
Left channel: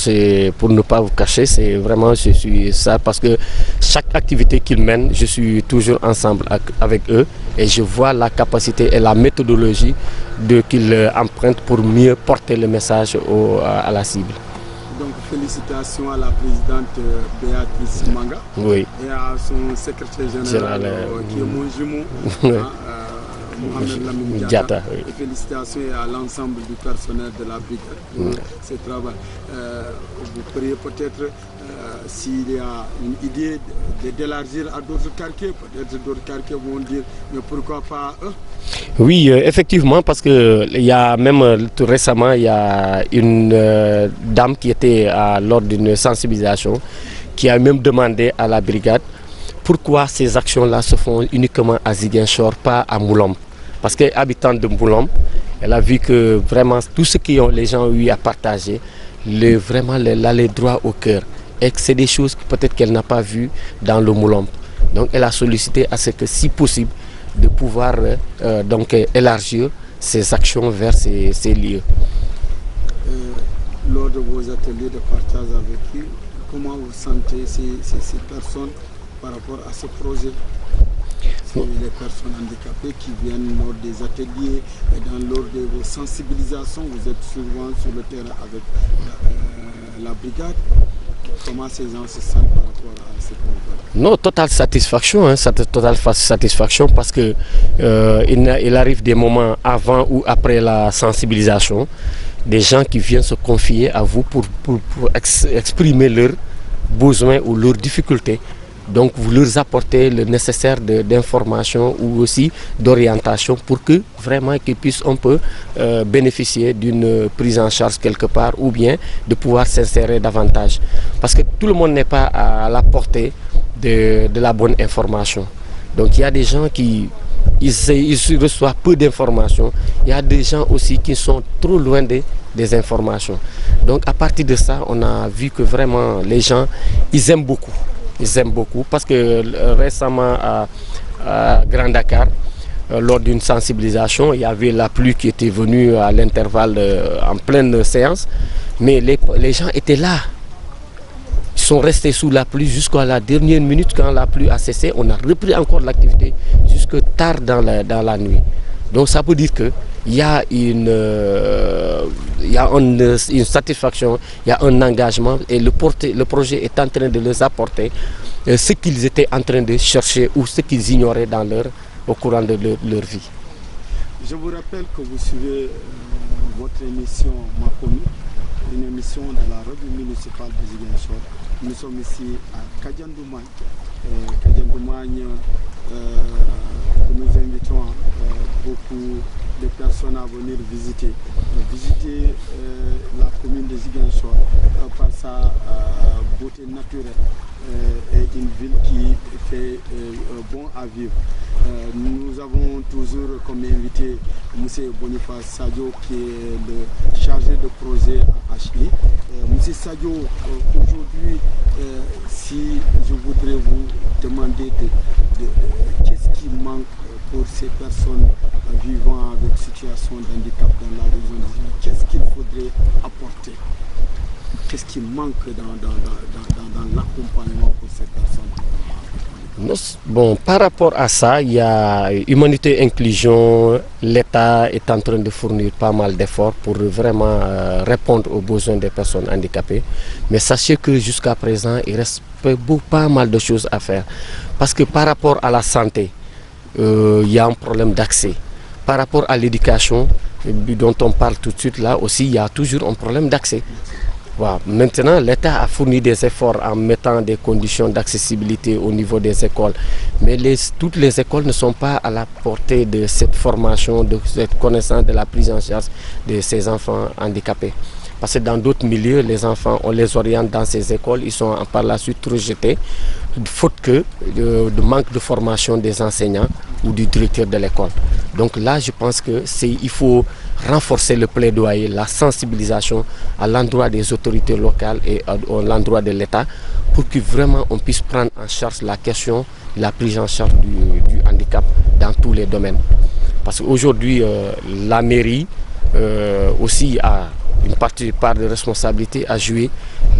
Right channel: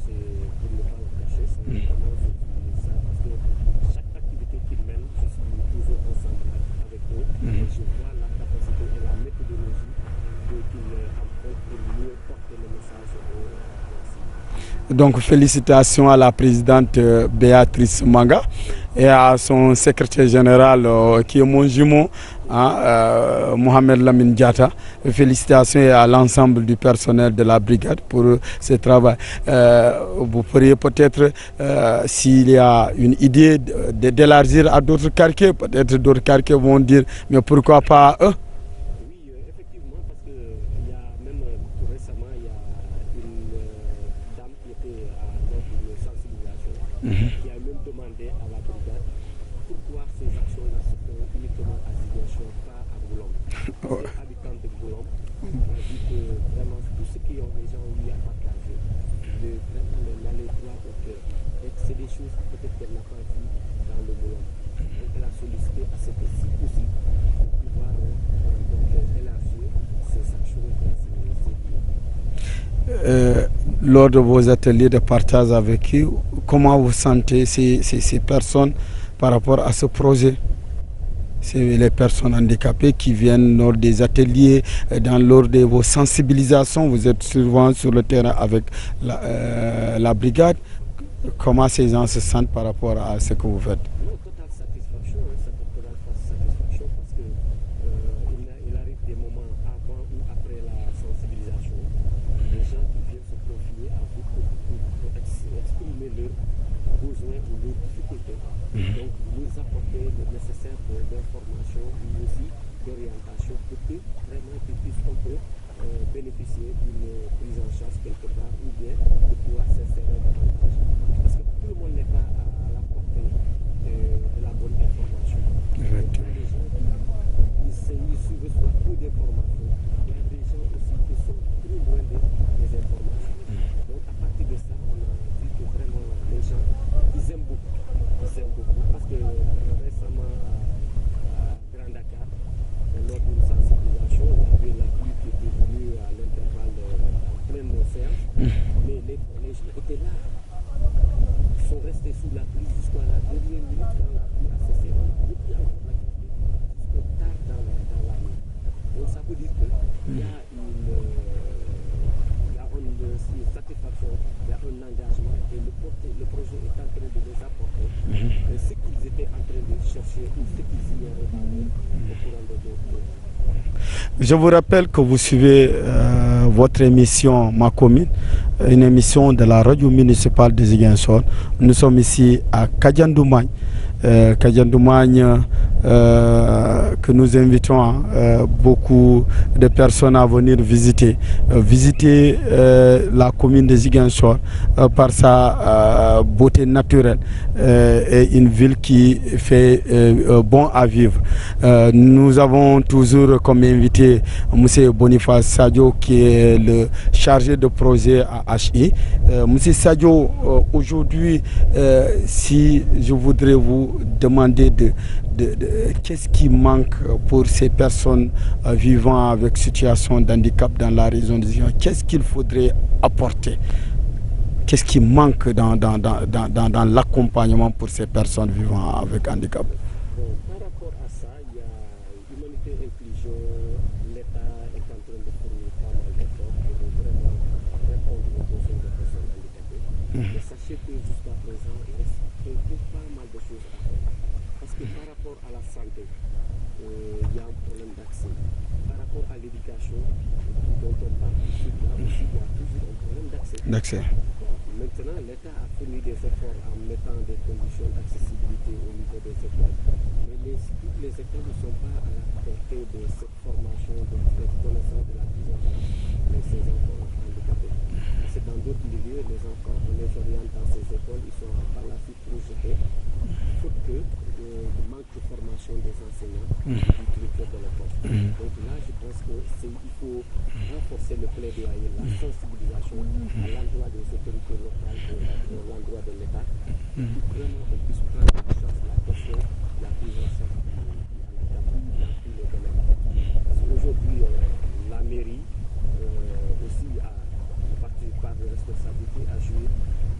pour ne pas vous cacher, c'est vraiment, je suis ça parce que chaque activité qu'ils mènent, je suis toujours ensemble avec eux et je vois la capacité et la méthodologie qu'ils empruntent pour mieux porter le message à la cible. Donc félicitations à la présidente Béatrice Manga, oui, et à son secrétaire général qui est mon jumeau, Mohamed Lamine Diata. Oui. Félicitations à l'ensemble du personnel de la brigade pour ce travail. Vous pourriez peut-être, s'il y a une idée d'élargir à d'autres quartiers, peut-être d'autres quartiers vont dire, mais pourquoi pas eux? Oui, effectivement, parce que il y a même tout récemment, il y a une dame qui était lors d'une sensibilisation qui a même demandé à la brigade pourquoi ces actions-là se font uniquement à Ziguinchor, pas à Moulombe. Parce qu'habitante de Moulombe, elle a vu que vraiment tout ce que les gens ont eu à partager, vraiment l'aller droit au cœur. Et que c'est des choses peut-être qu'elle n'a pas vues dans le Moulombe. Donc elle a sollicité à ce que, si possible, de pouvoir donc élargir ces actions vers ces lieux. Lors de vos ateliers de partage avec eux, comment vous sentez ces personnes par rapport à ce projet? C'est les personnes handicapées qui viennent lors des ateliers, lors de vos sensibilisations, vous êtes souvent sur le terrain avec la brigade. Comment ces gens se sentent par rapport à ce que vous faites? Non, totale satisfaction, totale satisfaction parce que il arrive des moments avant ou après la sensibilisation, des gens qui viennent se confier à vous pour exprimer leurs besoins ou leurs difficultés. Donc vous leur apportez le nécessaire d'information ou aussi d'orientation pour que vraiment qu'ils puissent un peu bénéficier d'une prise en charge quelque part ou bien de pouvoir s'insérer davantage. Parce que tout le monde n'est pas à la portée de la bonne information. Donc il y a des gens qui ils reçoivent peu d'informations. Il y a des gens aussi qui sont trop loin des informations. Donc à partir de ça, on a vu que vraiment les gens, ils aiment beaucoup. Ils aiment beaucoup parce que récemment à Grand Dakar, lors d'une sensibilisation, il y avait la pluie qui était venue à l'intervalle en pleine séance, mais les gens étaient là. Ils sont restés sous la pluie jusqu'à la dernière minute. Quand la pluie a cessé, on a repris encore l'activité jusque tard dans la nuit. Donc ça veut dire qu'il y a une satisfaction, il y a un engagement et le projet est en train de leur apporter ce qu'ils étaient en train de chercher ou ce qu'ils ignoraient au courant de leur vie. Je vous rappelle que vous suivez votre émission Makomi, une émission de la radio municipale de Ziguinchor. Nous sommes ici à Kadiandoumagne. Kadiandoumagne, que nous invitons beaucoup de personnes à venir visiter la commune de Ziguinchor par sa beauté naturelle, est une ville qui fait bon à vivre. Nous avons toujours comme invité M. Boniface Sadio qui est le chargé de projet à HI. M. Sadio, aujourd'hui, si je voudrais vous demander qu'est-ce qui manque pour ces personnes vivant avec situation d'handicap dans la région de Ziguinchor, qu'est-ce qu'il faudrait apporter? Qu'est-ce qui manque dans l'accompagnement pour ces personnes vivant avec handicap? Bon, par rapport à ça, il y a Humanité Inclusion. L'État est en train de fournir pas mal d'efforts pour vraiment répondre aux besoins des personnes handicapées. Mais sachez que jusqu'à présent, il reste pas mal de choses à faire. Parce que par rapport à la santé, il y a un problème d'accès. Par rapport à l'éducation, dont on parle tout de suite là aussi, il y a toujours un problème d'accès. Voilà. Maintenant, l'État a fourni des efforts en mettant des conditions d'accessibilité au niveau des écoles. Mais toutes les écoles ne sont pas à la portée de cette formation, de cette connaissance de la prise en charge de ces enfants handicapés. Parce que dans d'autres milieux, les enfants, on les oriente dans ces écoles, ils sont par la suite rejetés, faute de manque de formation des enseignants ou du directeur de l'école. Donc là, je pense qu'il faut renforcer le plaidoyer, la sensibilisation à l'endroit des autorités locales et à l'endroit de l'État pour que vraiment on puisse prendre en charge la question de la prise en charge du handicap dans tous les domaines. Parce qu'aujourd'hui, la mairie aussi a une part de responsabilité à jouer,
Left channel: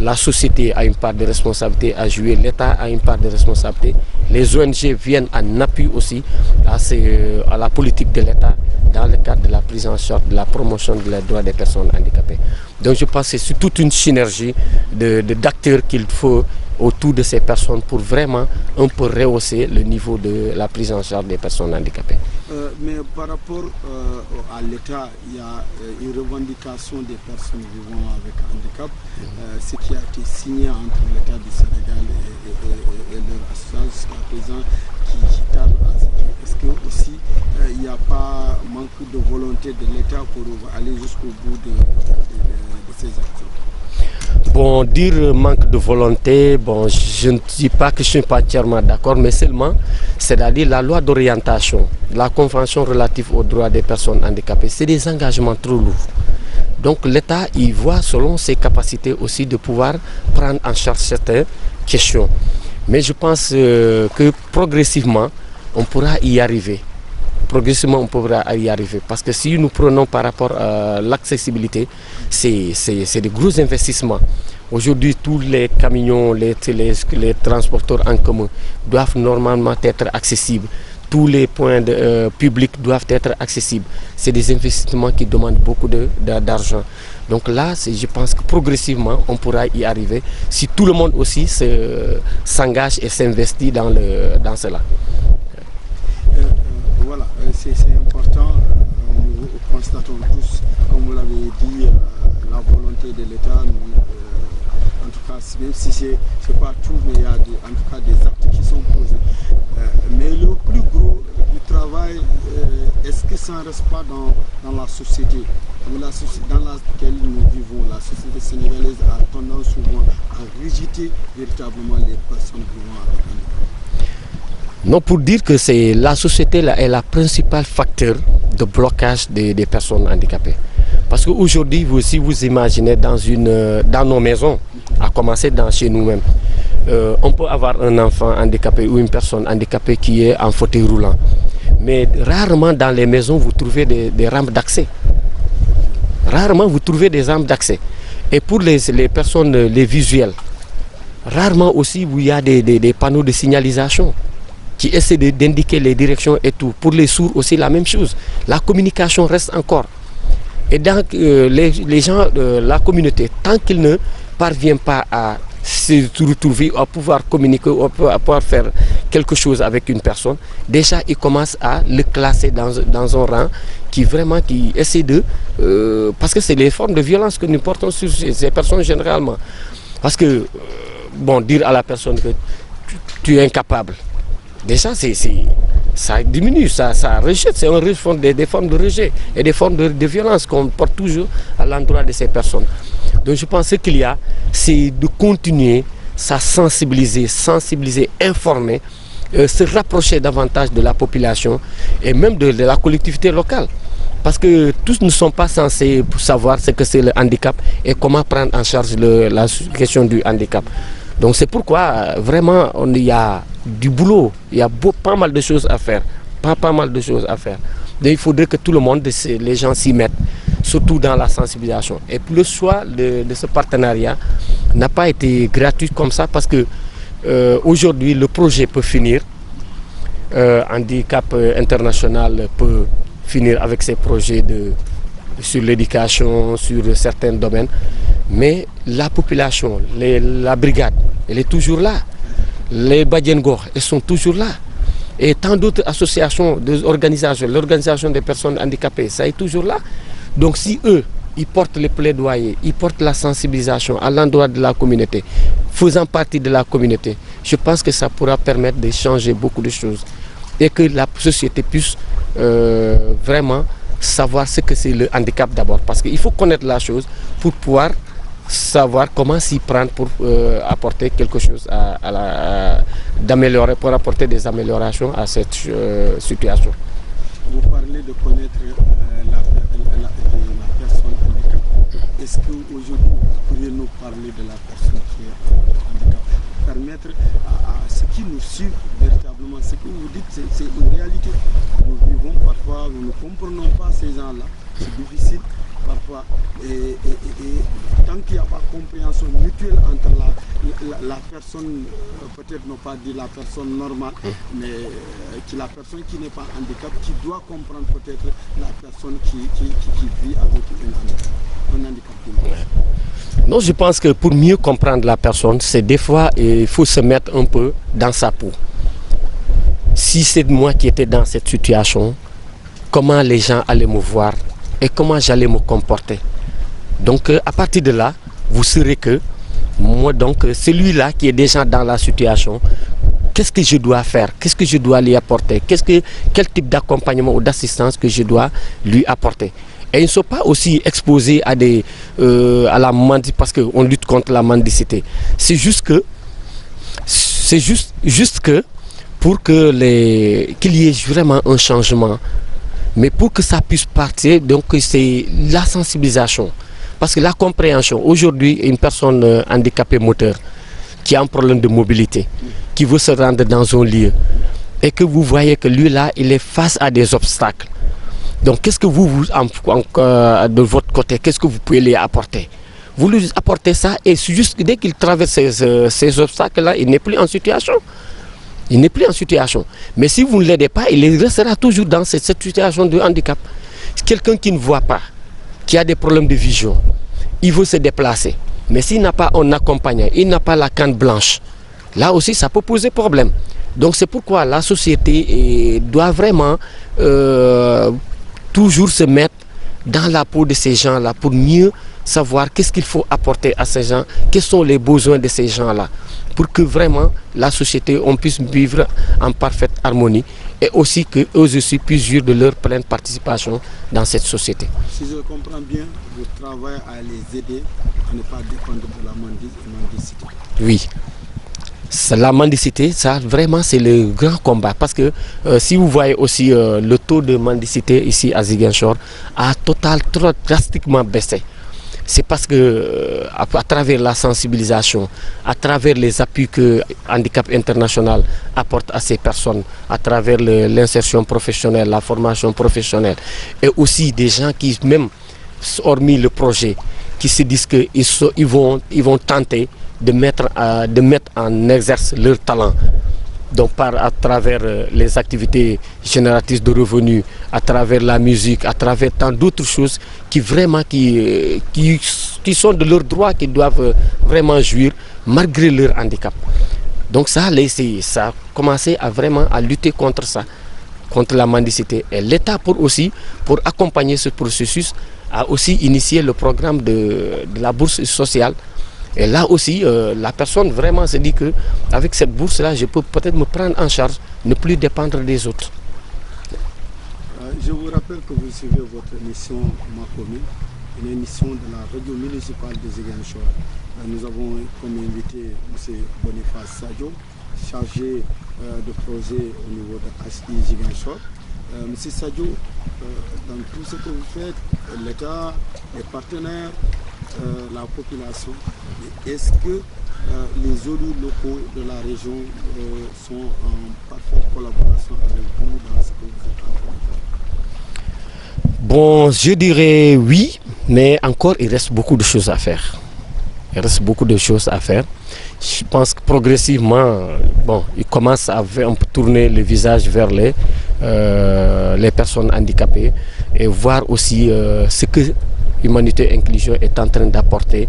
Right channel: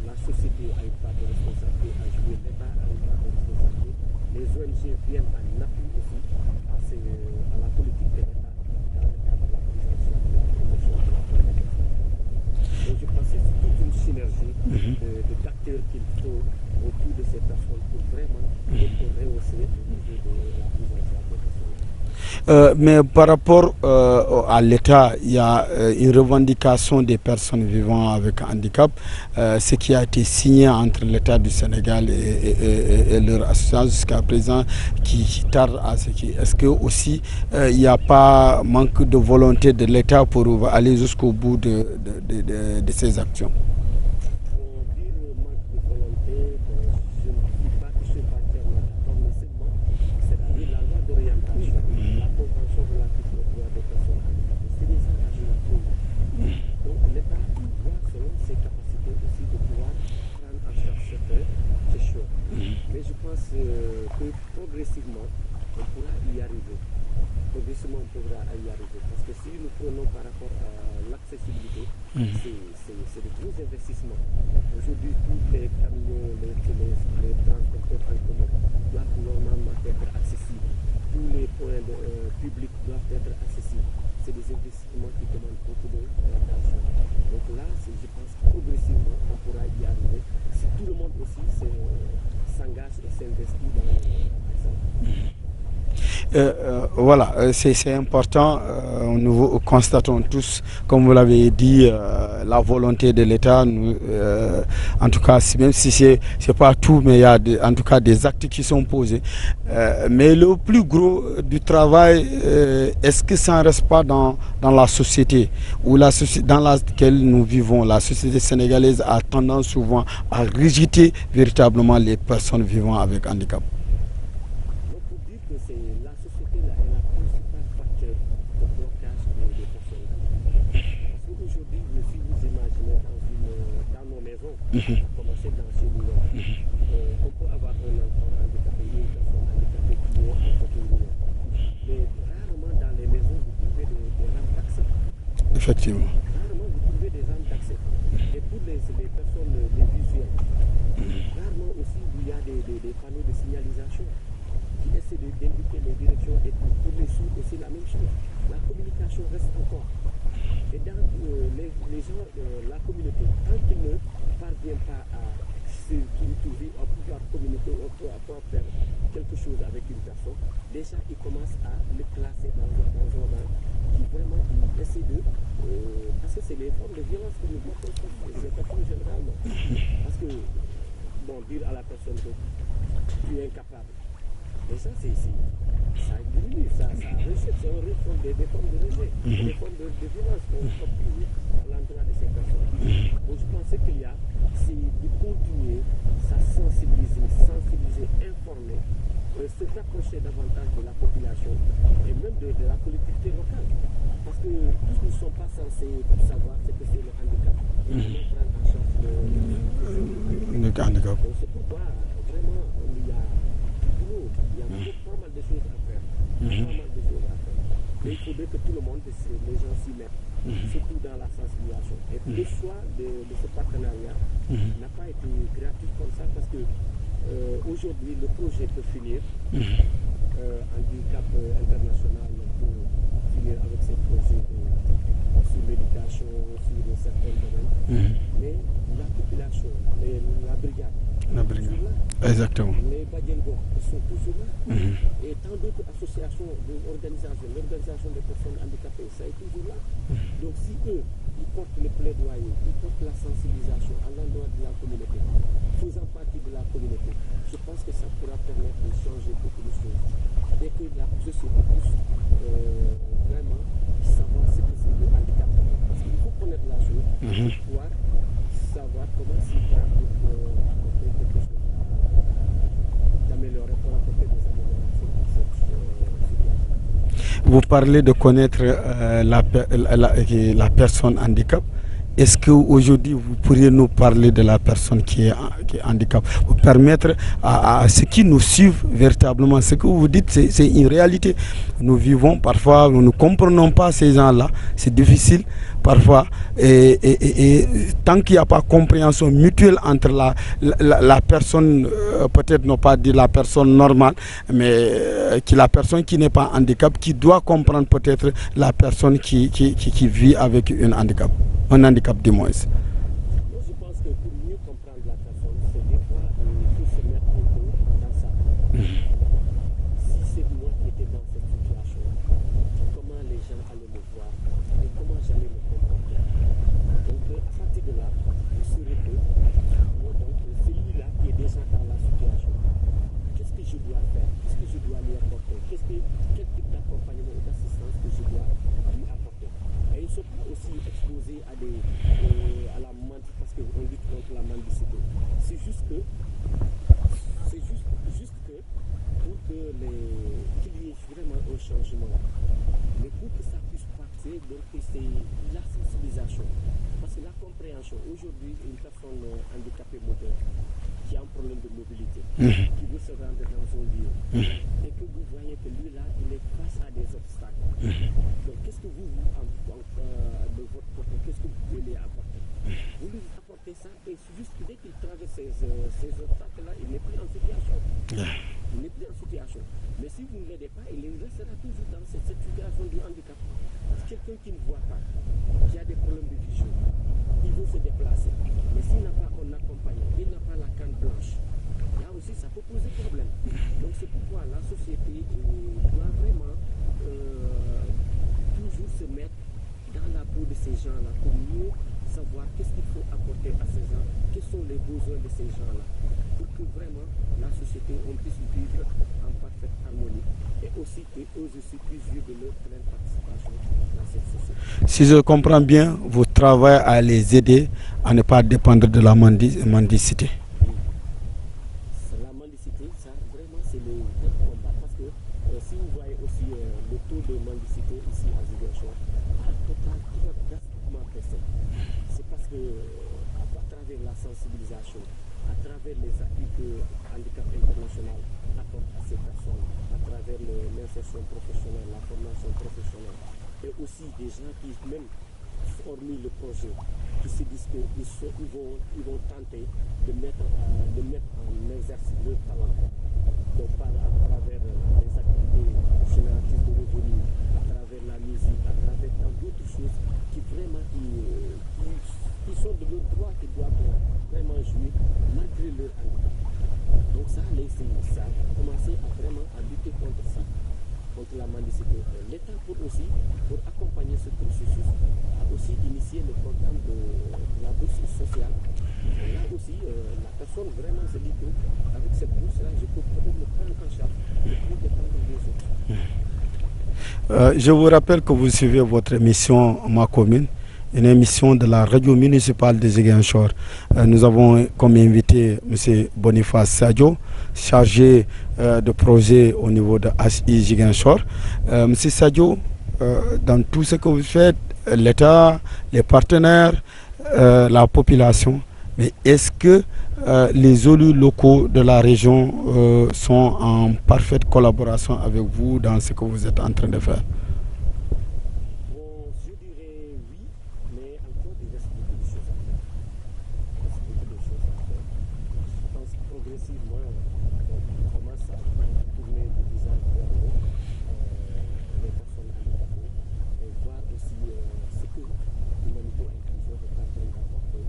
la société a une part de responsabilité à jouer, l'État a une part de responsabilité, les ONG viennent en appui aussi à la politique de l'État dans le cadre de la prise en charge, de la promotion des droits des personnes handicapées. Donc je pense que c'est toute une synergie d'acteurs qu'il faut autour de ces personnes pour vraiment un peu rehausser le niveau de la prise en charge des personnes handicapées. Mais par rapport à l'État, il y a une revendication des personnes vivant avec handicap, ce qui a été signé entre l'État du Sénégal et leur association jusqu'à présent qui tarde à ce qui... Est-ce que aussi il n'y a pas manque de volonté de l'État pour aller jusqu'au bout de ces actions? Bon, dire manque de volonté, bon, je ne dis pas que je ne suis pas entièrement d'accord, mais seulement, c'est-à-dire la loi d'orientation, la convention relative aux droits des personnes handicapées, c'est des engagements trop lourds. Donc l'État, il voit selon ses capacités aussi de pouvoir prendre en charge certaines questions. Mais je pense que progressivement, on pourra y arriver. Progressivement, on pourra y arriver. Parce que si nous prenons par rapport à l'accessibilité, c'est de gros investissements. Aujourd'hui, tous les camions, les transporteurs en commun doivent normalement être accessibles. Tous les points publics doivent être accessibles. C'est des investissements qui demandent beaucoup d'argent. Donc là, je pense que progressivement, on pourra y arriver si tout le monde aussi s'engage et s'investit dans cela. Voilà, c'est important. Nous constatons tous, comme vous l'avez dit, la volonté de l'État. En tout cas, même si ce n'est pas tout, mais il y a en tout cas des actes qui sont posés. Mais le plus gros du travail, est-ce que ça ne reste pas dans la société ou dans laquelle nous vivons? La société sénégalaise a tendance souvent à rejeter véritablement les personnes vivant avec handicap. Non, pour dire que la société là, est la principale facteur de blocage des personnes handicapées. Parce qu'aujourd'hui, si vous imaginez dans nos maisons, à commencer chez nous-mêmes, on peut avoir un enfant handicapé ou une personne handicapée qui est en fauteuil roulant. Mais rarement dans les maisons, vous trouvez des rampes d'accès. Effectivement. Rarement, vous trouvez des rampes d'accès. Et pour les personnes, les visuelles, rarement aussi, il y a des panneaux de signalisation qui essaient d'indiquer les directions et tout. Pour les sourds aussi, la même chose. La communication reste encore. Et donc, les gens, la communauté, tant qu'ils ne parviennent pas à se retrouver, à pouvoir communiquer, à pouvoir faire quelque chose avec une personne, déjà, ils commencent à le classer dans un rang qui essaie de... parce que c'est les formes de violence que nous portons sur ces personnes généralement. Parce que, bon, dire à la personne que tu es incapable, déjà, ça diminue, ça rejette, c'est des formes de rejet et des formes de violence qu'on porte toujours à l'endroit de ces personnes. Donc je pense qu'il y a, c'est de continuer ça sensibiliser, informer, se rapprocher davantage de la population et même de la collectivité locale. Parce que tous ne sont pas censés savoir ce que c'est le handicap et comment prendre en charge la question du handicap. Donc c'est pourquoi vraiment il y a du boulot, il y a pas mal de choses à faire. Pas mal de choses à faire. Donc il faudrait que tout le monde, les gens s'y mettent, surtout dans la sensibilisation. Et le choix de ce partenariat n'a pas été gratuit comme ça parce que aujourd'hui le projet peut finir. Handicap International peut finir avec ses projets sur l'éducation, sur certains domaines. Mais la population, la brigade, elle est toujours là. Exactement. Les Badiengor, elles sont toujours là. Et tant d'autres associations, l'organisation des personnes handicapées, ça est toujours là. Donc si eux, ils portent les plaidoyers, ils portent la sensibilisation à l'endroit de la communauté, faisant partie de la communauté, je pense que ça pourra permettre de changer beaucoup de choses et que la société puisse vraiment savoir ce que c'est le handicap d'abord. Parce qu'il faut connaître la chose pour pouvoir savoir comment s'y prendre pour apporter quelque chose d'améliorer, pour apporter des améliorations à cette situation. Vous parlez de connaître la personne handicap. Est-ce qu'aujourd'hui vous pourriez nous parler de la personne qui est handicap, pour permettre à ceux qui nous suivent véritablement, ce que vous dites, c'est une réalité. Nous vivons parfois, nous ne comprenons pas ces gens-là, c'est difficile parfois. Et tant qu'il n'y a pas compréhension mutuelle entre la personne, peut-être non pas dire la personne normale, mais la personne qui n'est pas handicap, qui doit comprendre peut-être la personne qui vit avec un handicap du moins. Non, je pense que pour mieux comprendre la personne, c'est des fois il faut se mettre un peu dans sa peau. Si c'est moi qui étais dans cette situation, comment les gens allaient me voir et comment j'allais me comporter. Donc à partir de là, vous saurez que moi, donc celui-là qui est déjà dans la situation, qu'est-ce que je dois faire, qu'est-ce que je dois lui apporter, quel type d'accompagnement ou d'assistance que je dois lui apporter. Et ils ne sont pas aussi exposés à la mendicité parce qu'on lutte contre la mendicité. C'est juste que pour qu'il y ait vraiment un changement, mais pour que ça puisse partir, donc c'est la sensibilisation. Parce que la compréhension, aujourd'hui, une personne handicapée moteur qui a un problème de mobilité, qui veut se rendre dans un lieu, et que vous voyez que lui là, il est face à des obstacles. Donc qu'est-ce que de votre côté, qu'est-ce que vous pouvez lui apporter? Vous lui apportez ça et juste dès qu'il traverse ces obstacles-là, il n'est plus en situation. Il n'est plus en situation. Mais si vous ne l'aidez pas, il restera toujours dans cette situation de handicap. Quelqu'un qui ne voit pas, qui a des problèmes de vision, il veut se déplacer. Mais s'il n'a pas un accompagnant, il n'a pas la canne blanche, là aussi ça peut poser problème. Donc c'est pourquoi la société doit vraiment toujours se mettre dans la peau de ces gens-là pour mieux savoir qu'est-ce qu'il faut apporter à ces gens, quels sont les besoins de ces gens-là, pour que vraiment la société, on puisse vivre en parfaite harmonie et aussi qu'eux aussi puissent jouir de leur pleine participation dans cette société. Si je comprends bien, vous travaillez à les aider à ne pas dépendre de la mendicité. Oui. La mendicité, ça vraiment c'est le grand combat parce que si vous voyez aussi le taux de mendicité ici à Ziguinchor a drastiquement baissé. C'est parce que à travers la sensibilisation, à travers les appuis que Handicap International apporte à ces personnes, à travers l'insertion professionnelle, la formation professionnelle, et aussi des gens qui, même hormis le projet, qui se disent qu'ils vont tenter de mettre en exerce leur talent. Donc à travers les activités génératrices de revenus, à travers la musique, à travers tant d'autres choses qui sont de leurs droits, qui doivent vraiment jouir malgré leur handicap. Donc ça a commencé à lutter contre ça, contre la mendicité. Et l'État pour accompagner ce processus a aussi initié le programme de la bourse sociale. Et là aussi, la personne vraiment se dit qu'avec cette bourse-là, je peux peut-être me prendre en charge, ne plus dépendre des autres. Je vous rappelle que vous suivez votre émission Ma Commune une émission de la radio municipale de Ziguinchor. Nous avons comme invité M. Boniface Sadio, chargé de projet au niveau de HI Ziguinchor. M. Sadio, dans tout ce que vous faites, l'État, les partenaires, la population, mais est-ce que les élus locaux de la région sont en parfaite collaboration avec vous dans ce que vous êtes en train de faire? Bon, je dirais oui, mais encore il reste beaucoup de choses à faire. Il reste beaucoup de choses à faire. Je pense que progressivement, bon, il commence à tourner le visage vers les personnes handicapées et voir aussi ce que Humanité Inclusion est en train d'apporter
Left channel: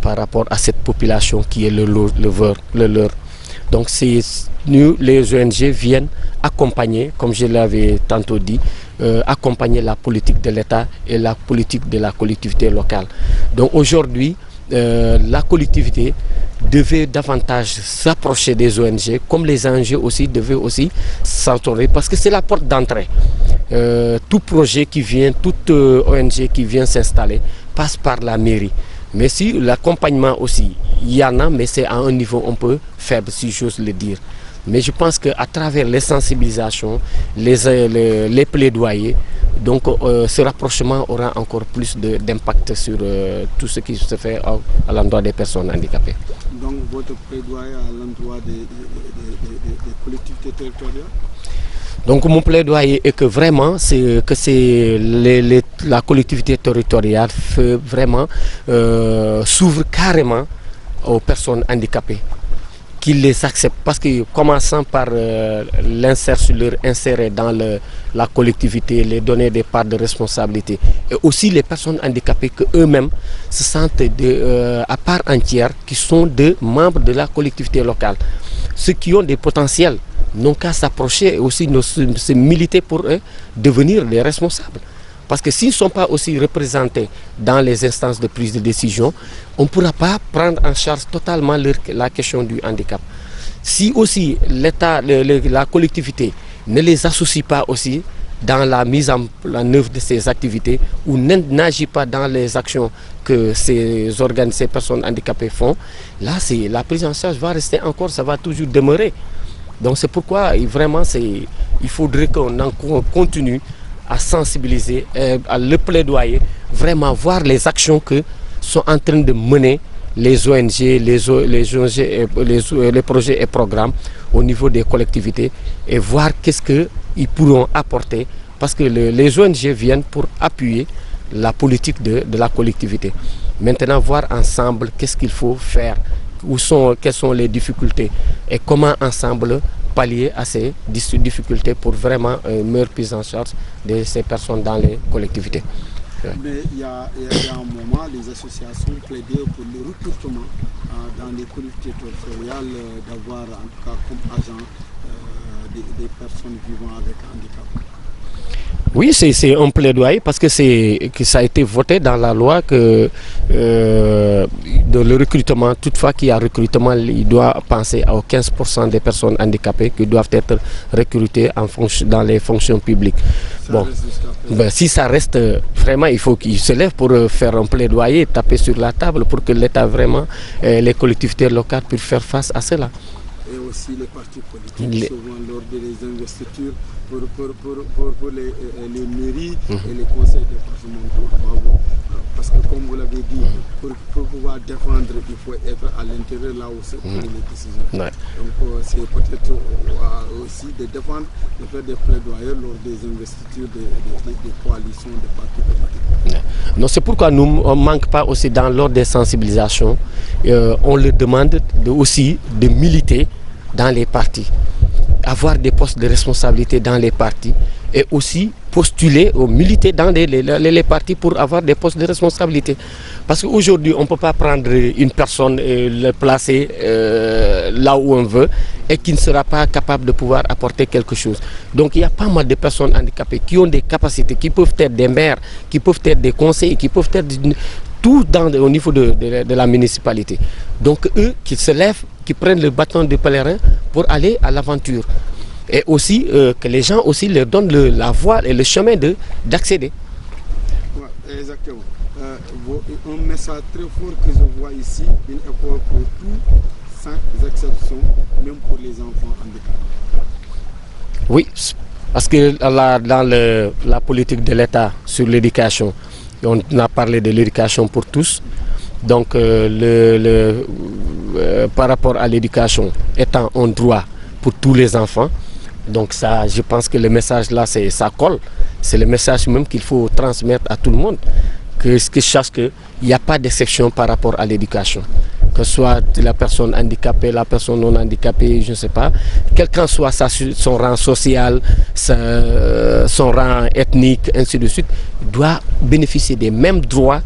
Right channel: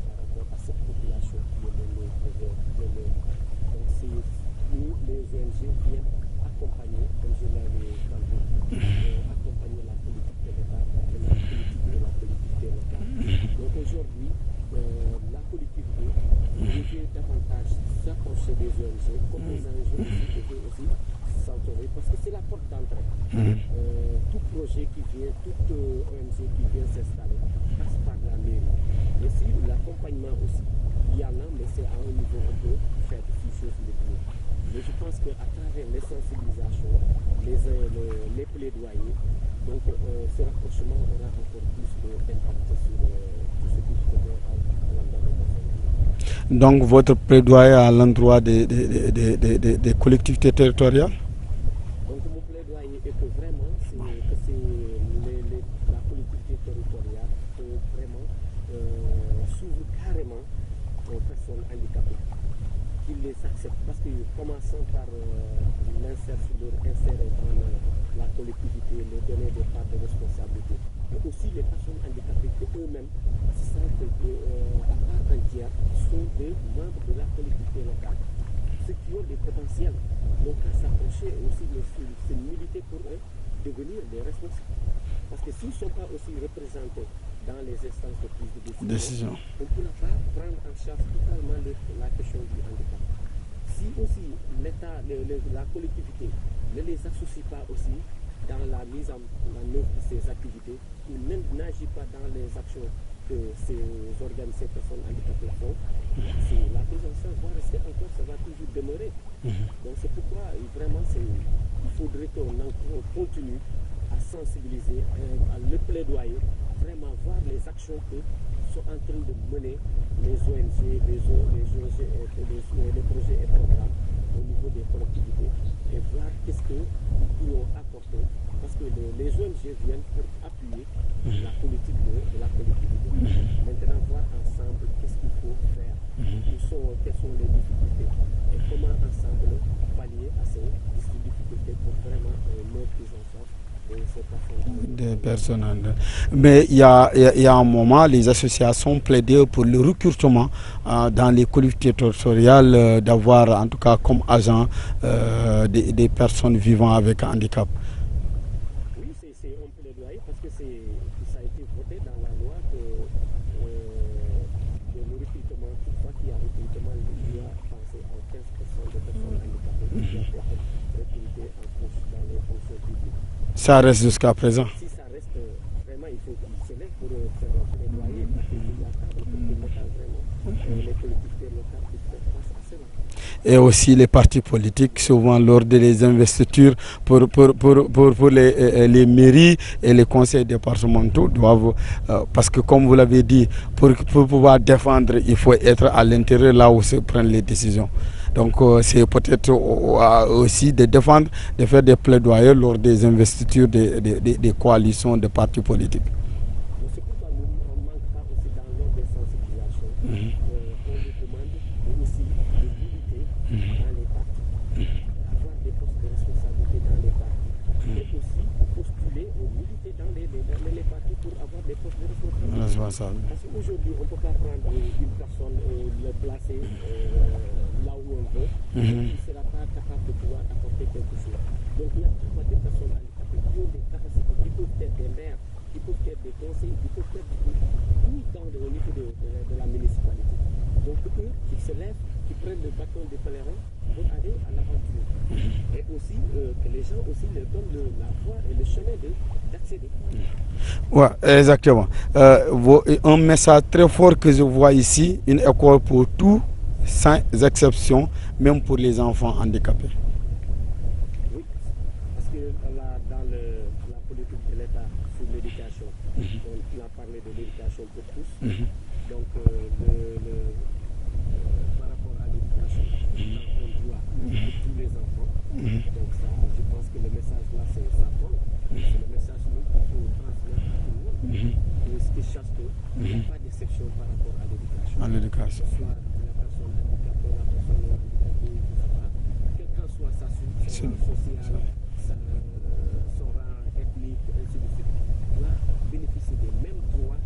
par rapport à cette population qui est le leur. Donc nous, les ONG viennent accompagner, comme je l'avais tantôt dit, accompagner la politique de l'État et la politique de la collectivité locale. Donc aujourd'hui, la collectivité devait davantage s'approcher des ONG, comme les ONG aussi devaient aussi s'entourer, parce que c'est la porte d'entrée. Tout projet qui vient, toute ONG qui vient s'installer passe par la mairie. Mais si l'accompagnement aussi, il y en a, mais c'est à un niveau un peu faible, si j'ose le dire. Mais je pense qu'à travers les sensibilisations, les plaidoyers, donc ce rapprochement aura encore plus d'impact sur tout ce qui se fait à l'endroit des personnes handicapées. Donc votre plaidoyer à l'endroit des collectivités territoriales? Donc mon plaidoyer est que vraiment la collectivité territoriale vraiment s'ouvre carrément aux personnes handicapées, qu'ils les acceptent, parce que commençant par leur insérer dans la collectivité, les donner des parts de responsabilité, et aussi les personnes handicapées qu'eux-mêmes se sentent à part entière, qui sont des membres de la collectivité locale, ceux qui ont des potentiels n'ont qu'à s'approcher et aussi se militer pour eux, devenir les responsables. Parce que s'ils ne sont pas aussi représentés dans les instances de prise de décision, on ne pourra pas prendre en charge totalement la question du handicap. Si aussi l'État, la collectivité ne les associe pas aussi dans la mise en œuvre de ces activités ou n'agit pas dans les actions que ces personnes handicapées font, là la prise en charge va rester encore, ça va toujours demeurer. Donc c'est pourquoi vraiment il faudrait qu'on continue à sensibiliser, à le plaidoyer, vraiment voir les actions que sont en train de mener les ONG, les projets et programmes au niveau des collectivités et voir qu'est-ce qu'ils pourront apporter, parce que les ONG viennent pour appuyer la politique de la collectivité. Maintenant, voir ensemble qu'est-ce qu'il faut faire, quelles sont les difficultés et comment ensemble pallier à ces difficultés pour vraiment une meilleure prise en charge de ces personnes dans les collectivités. Mais il y a un moment, les associations plaidaient pour le recrutement dans les collectivités territoriales, d'avoir en tout cas comme agents des personnes vivant avec un handicap. Oui, c'est un plaidoyer parce que ça a été voté dans la loi que le recrutement, toutefois qu'il y a recrutement, il doit penser aux 15% des personnes handicapées qui doivent être recrutées dans les fonctions publiques. Ça reste jusqu'à présent. Si ça reste, vraiment, il faut qu'ils se lèvent pour faire un plaidoyer, taper sur la table pour que l'État vraiment, les collectivités locales puissent faire face à cela. Et aussi les partis politiques, souvent lors des investitures pour les mairies et les conseils départementaux doivent, parce que comme vous l'avez dit, pour pouvoir défendre, il faut être à l'intérieur là où se prennent les décisions. Donc c'est peut-être aussi de défendre, de faire des plaidoyers lors des investitures des coalitions de partis politiques. Non, c'est pourquoi nous ne manquons pas aussi lors des sensibilisations, on leur demande aussi de militer dans les partis, avoir des postes de responsabilité dans les partis et aussi postuler ou militer dans les partis pour avoir des postes de responsabilité. Parce qu'aujourd'hui, on ne peut pas prendre une personne et le placer là où on veut et qui ne sera pas capable de pouvoir apporter quelque chose. Donc il y a pas mal de personnes handicapées qui ont des capacités, qui peuvent être des maires, qui peuvent être des conseillers, qui peuvent être tout au niveau de la municipalité. Donc eux qui se lèvent, qui prennent le bâton de pèlerin pour aller à l'aventure. Et aussi que les gens aussi leur donnent la voie et le chemin d'accéder. Oui, exactement. Un message très fort que je vois ici, une école pour tous, sans exception, même pour les enfants handicapés. Oui, parce que dans la politique de l'État sur l'éducation, on a parlé de l'éducation pour tous. Donc, par rapport à l'éducation étant un droit pour tous les enfants, donc ça, je pense que le message là, ça colle. C'est le message même qu'il faut transmettre à tout le monde. Que je sache qu'il n'y a pas d'exception par rapport à l'éducation. Que ce soit la personne handicapée, la personne non handicapée, je ne sais pas. Quel qu'en soit son rang social, son rang ethnique, ainsi de suite, doit bénéficier des mêmes droits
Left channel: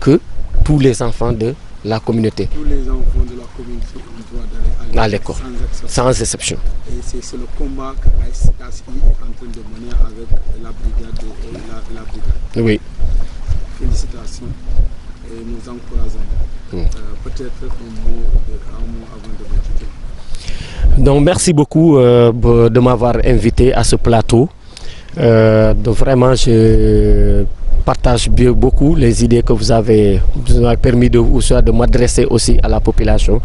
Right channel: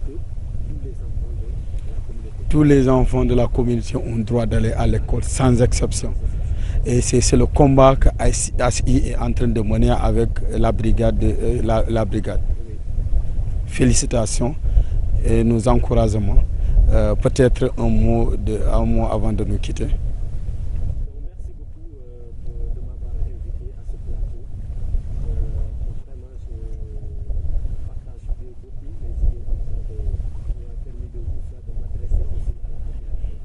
que tous les enfants de la communauté. Tous les enfants de la communauté ont le droit d'aller à l'école, sans exception. Sans exception. Et c'est le combat que ASI est en train de mener avec la brigade. La brigade. Oui. Félicitations et nous encourageons. Peut-être un mot avant de me quitter. Donc merci beaucoup de m'avoir invité à ce plateau. Donc vraiment je partage beaucoup les idées que vous avez permis de m'adresser aussi à la population.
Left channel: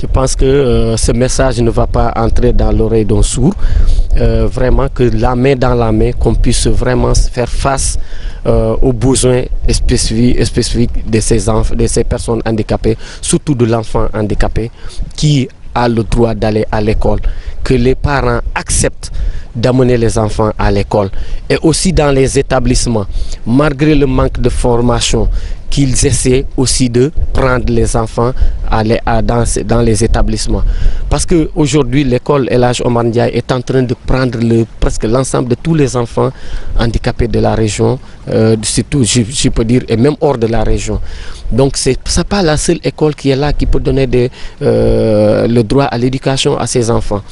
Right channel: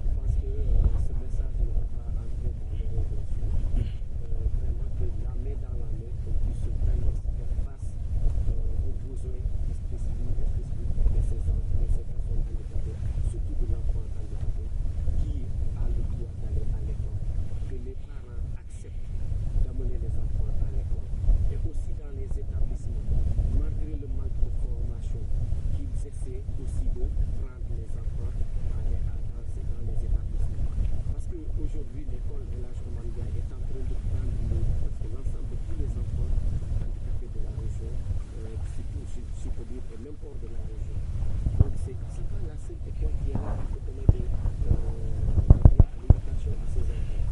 Je pense que ce message ne va pas entrer dans l'oreille d'un sourd. Vraiment que la main dans la main, qu'on puisse vraiment faire face aux besoins spécifiques de ces personnes handicapées, surtout de l'enfant handicapé qui a le droit d'aller à l'école, que les parents acceptent d'amener les enfants à l'école et aussi dans les établissements, malgré le manque de formation, qu'ils essaient aussi de prendre les enfants dans les établissements. Parce qu'aujourd'hui, l'école El Hadj Omar Ndiaye est en train de prendre presque l'ensemble de tous les enfants handicapés de la région, surtout, je peux dire, et même hors de la région. Donc, ce n'est pas la seule école qui est là, qui peut donner le droit à l'éducation à ces enfants.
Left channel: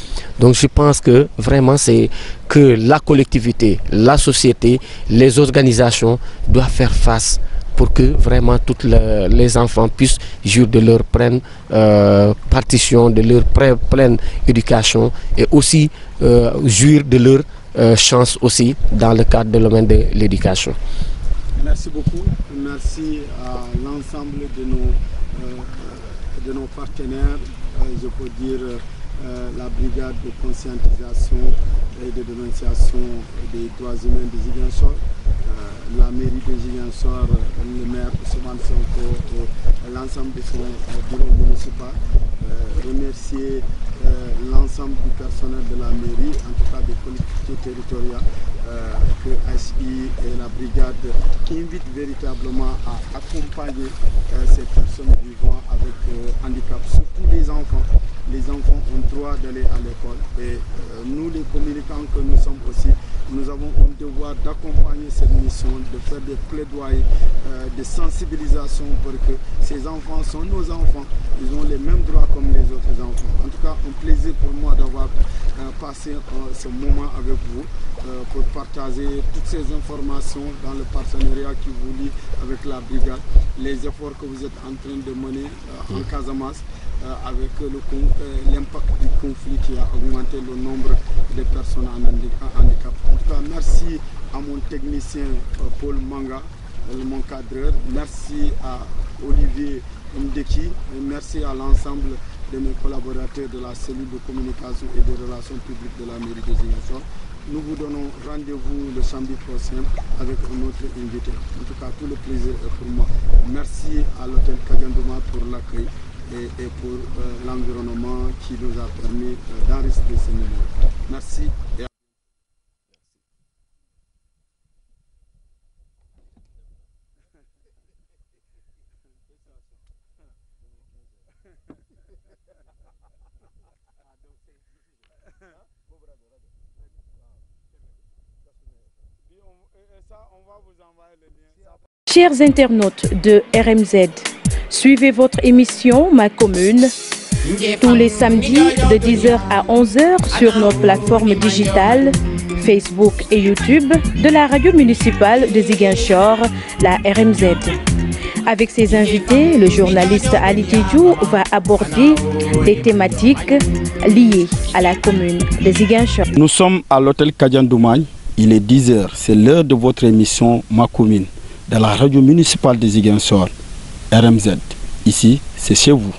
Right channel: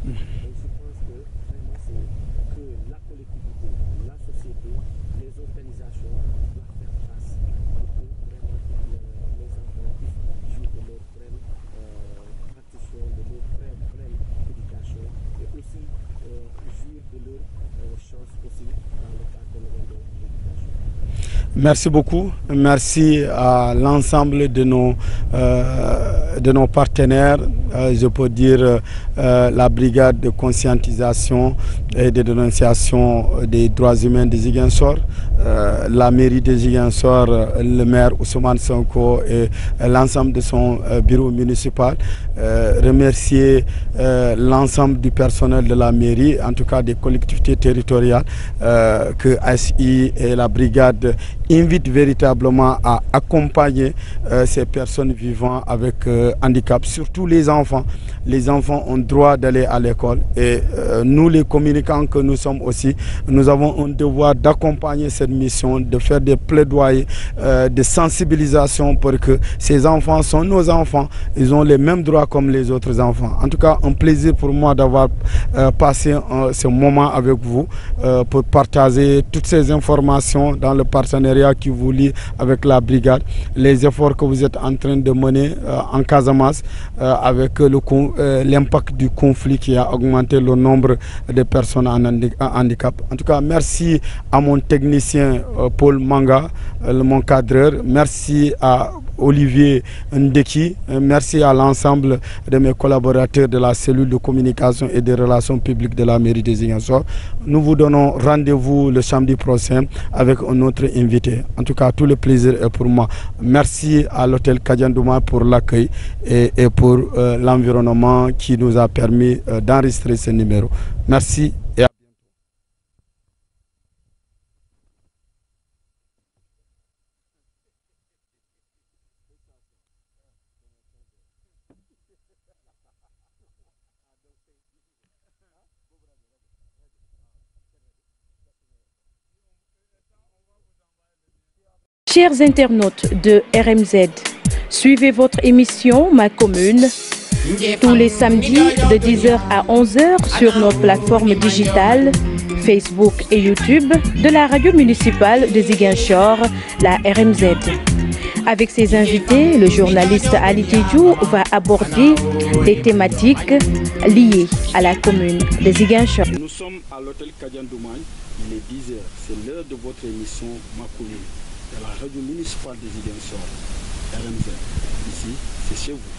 Donc, je pense que vraiment, c'est que la collectivité, la société, les organisations doivent faire face pour que vraiment tous les enfants puissent jouir de leur pleine partition, de leur pleine éducation et aussi jouir de leur chance aussi dans le cadre de domaine de l'éducation. Merci beaucoup. Merci à l'ensemble de nos partenaires, je peux dire la brigade de conscientisation et de dénonciation des droits humains de Ziguinchor, la mairie de Ziguinchor, le maire Ousmane Sonko et l'ensemble de son bureau municipal. Remercier l'ensemble du personnel de la mairie, en tout cas des collectivités territoriales, que ASI et la brigade invitent véritablement à accompagner ces personnes vivant avec handicap, surtout les enfants. Les enfants ont droit d'aller à l'école et nous les communicants que nous sommes aussi, nous avons un devoir d'accompagner cette mission, de faire des plaidoyers, de sensibilisation pour que ces enfants sont nos enfants, ils ont les mêmes droits comme les autres enfants. En tout cas, un plaisir pour moi d'avoir passé ce moment avec vous pour partager toutes ces informations dans le partenariat qui vous lie avec la brigade, les efforts que vous êtes en train de mener en Casamance, avec l'impact du conflit qui a augmenté le nombre de personnes en handicap. En tout cas, merci à mon technicien Paul Manga, mon cadreur. Merci à Olivier Ndeki. Merci à l'ensemble de mes collaborateurs de la cellule de communication et des relations publiques de la mairie de Ziguinchor. Nous vous donnons rendez-vous le samedi prochain avec un autre invité. En tout cas, tout le plaisir est pour moi. Merci à l'hôtel Kadiandouma pour l'accueil et pour l'environnement qui nous a permis d'enregistrer ce numéro. Merci et à Chers internautes de RMZ, suivez votre émission Ma Commune tous les samedis de 10h à 11h sur nos plateformes digitales Facebook et YouTube de la radio municipale de Ziguinchor, la RMZ. Avec ses invités, le journaliste Ali Tidjou va aborder des thématiques liées à la commune de Ziguinchor. Nous sommes à l'hôtel Kadiandouma, il est 10h, c'est l'heure de votre émission Ma Commune. de la radio municipale de Ziguinchor, RMZ. Ici, c'est chez vous.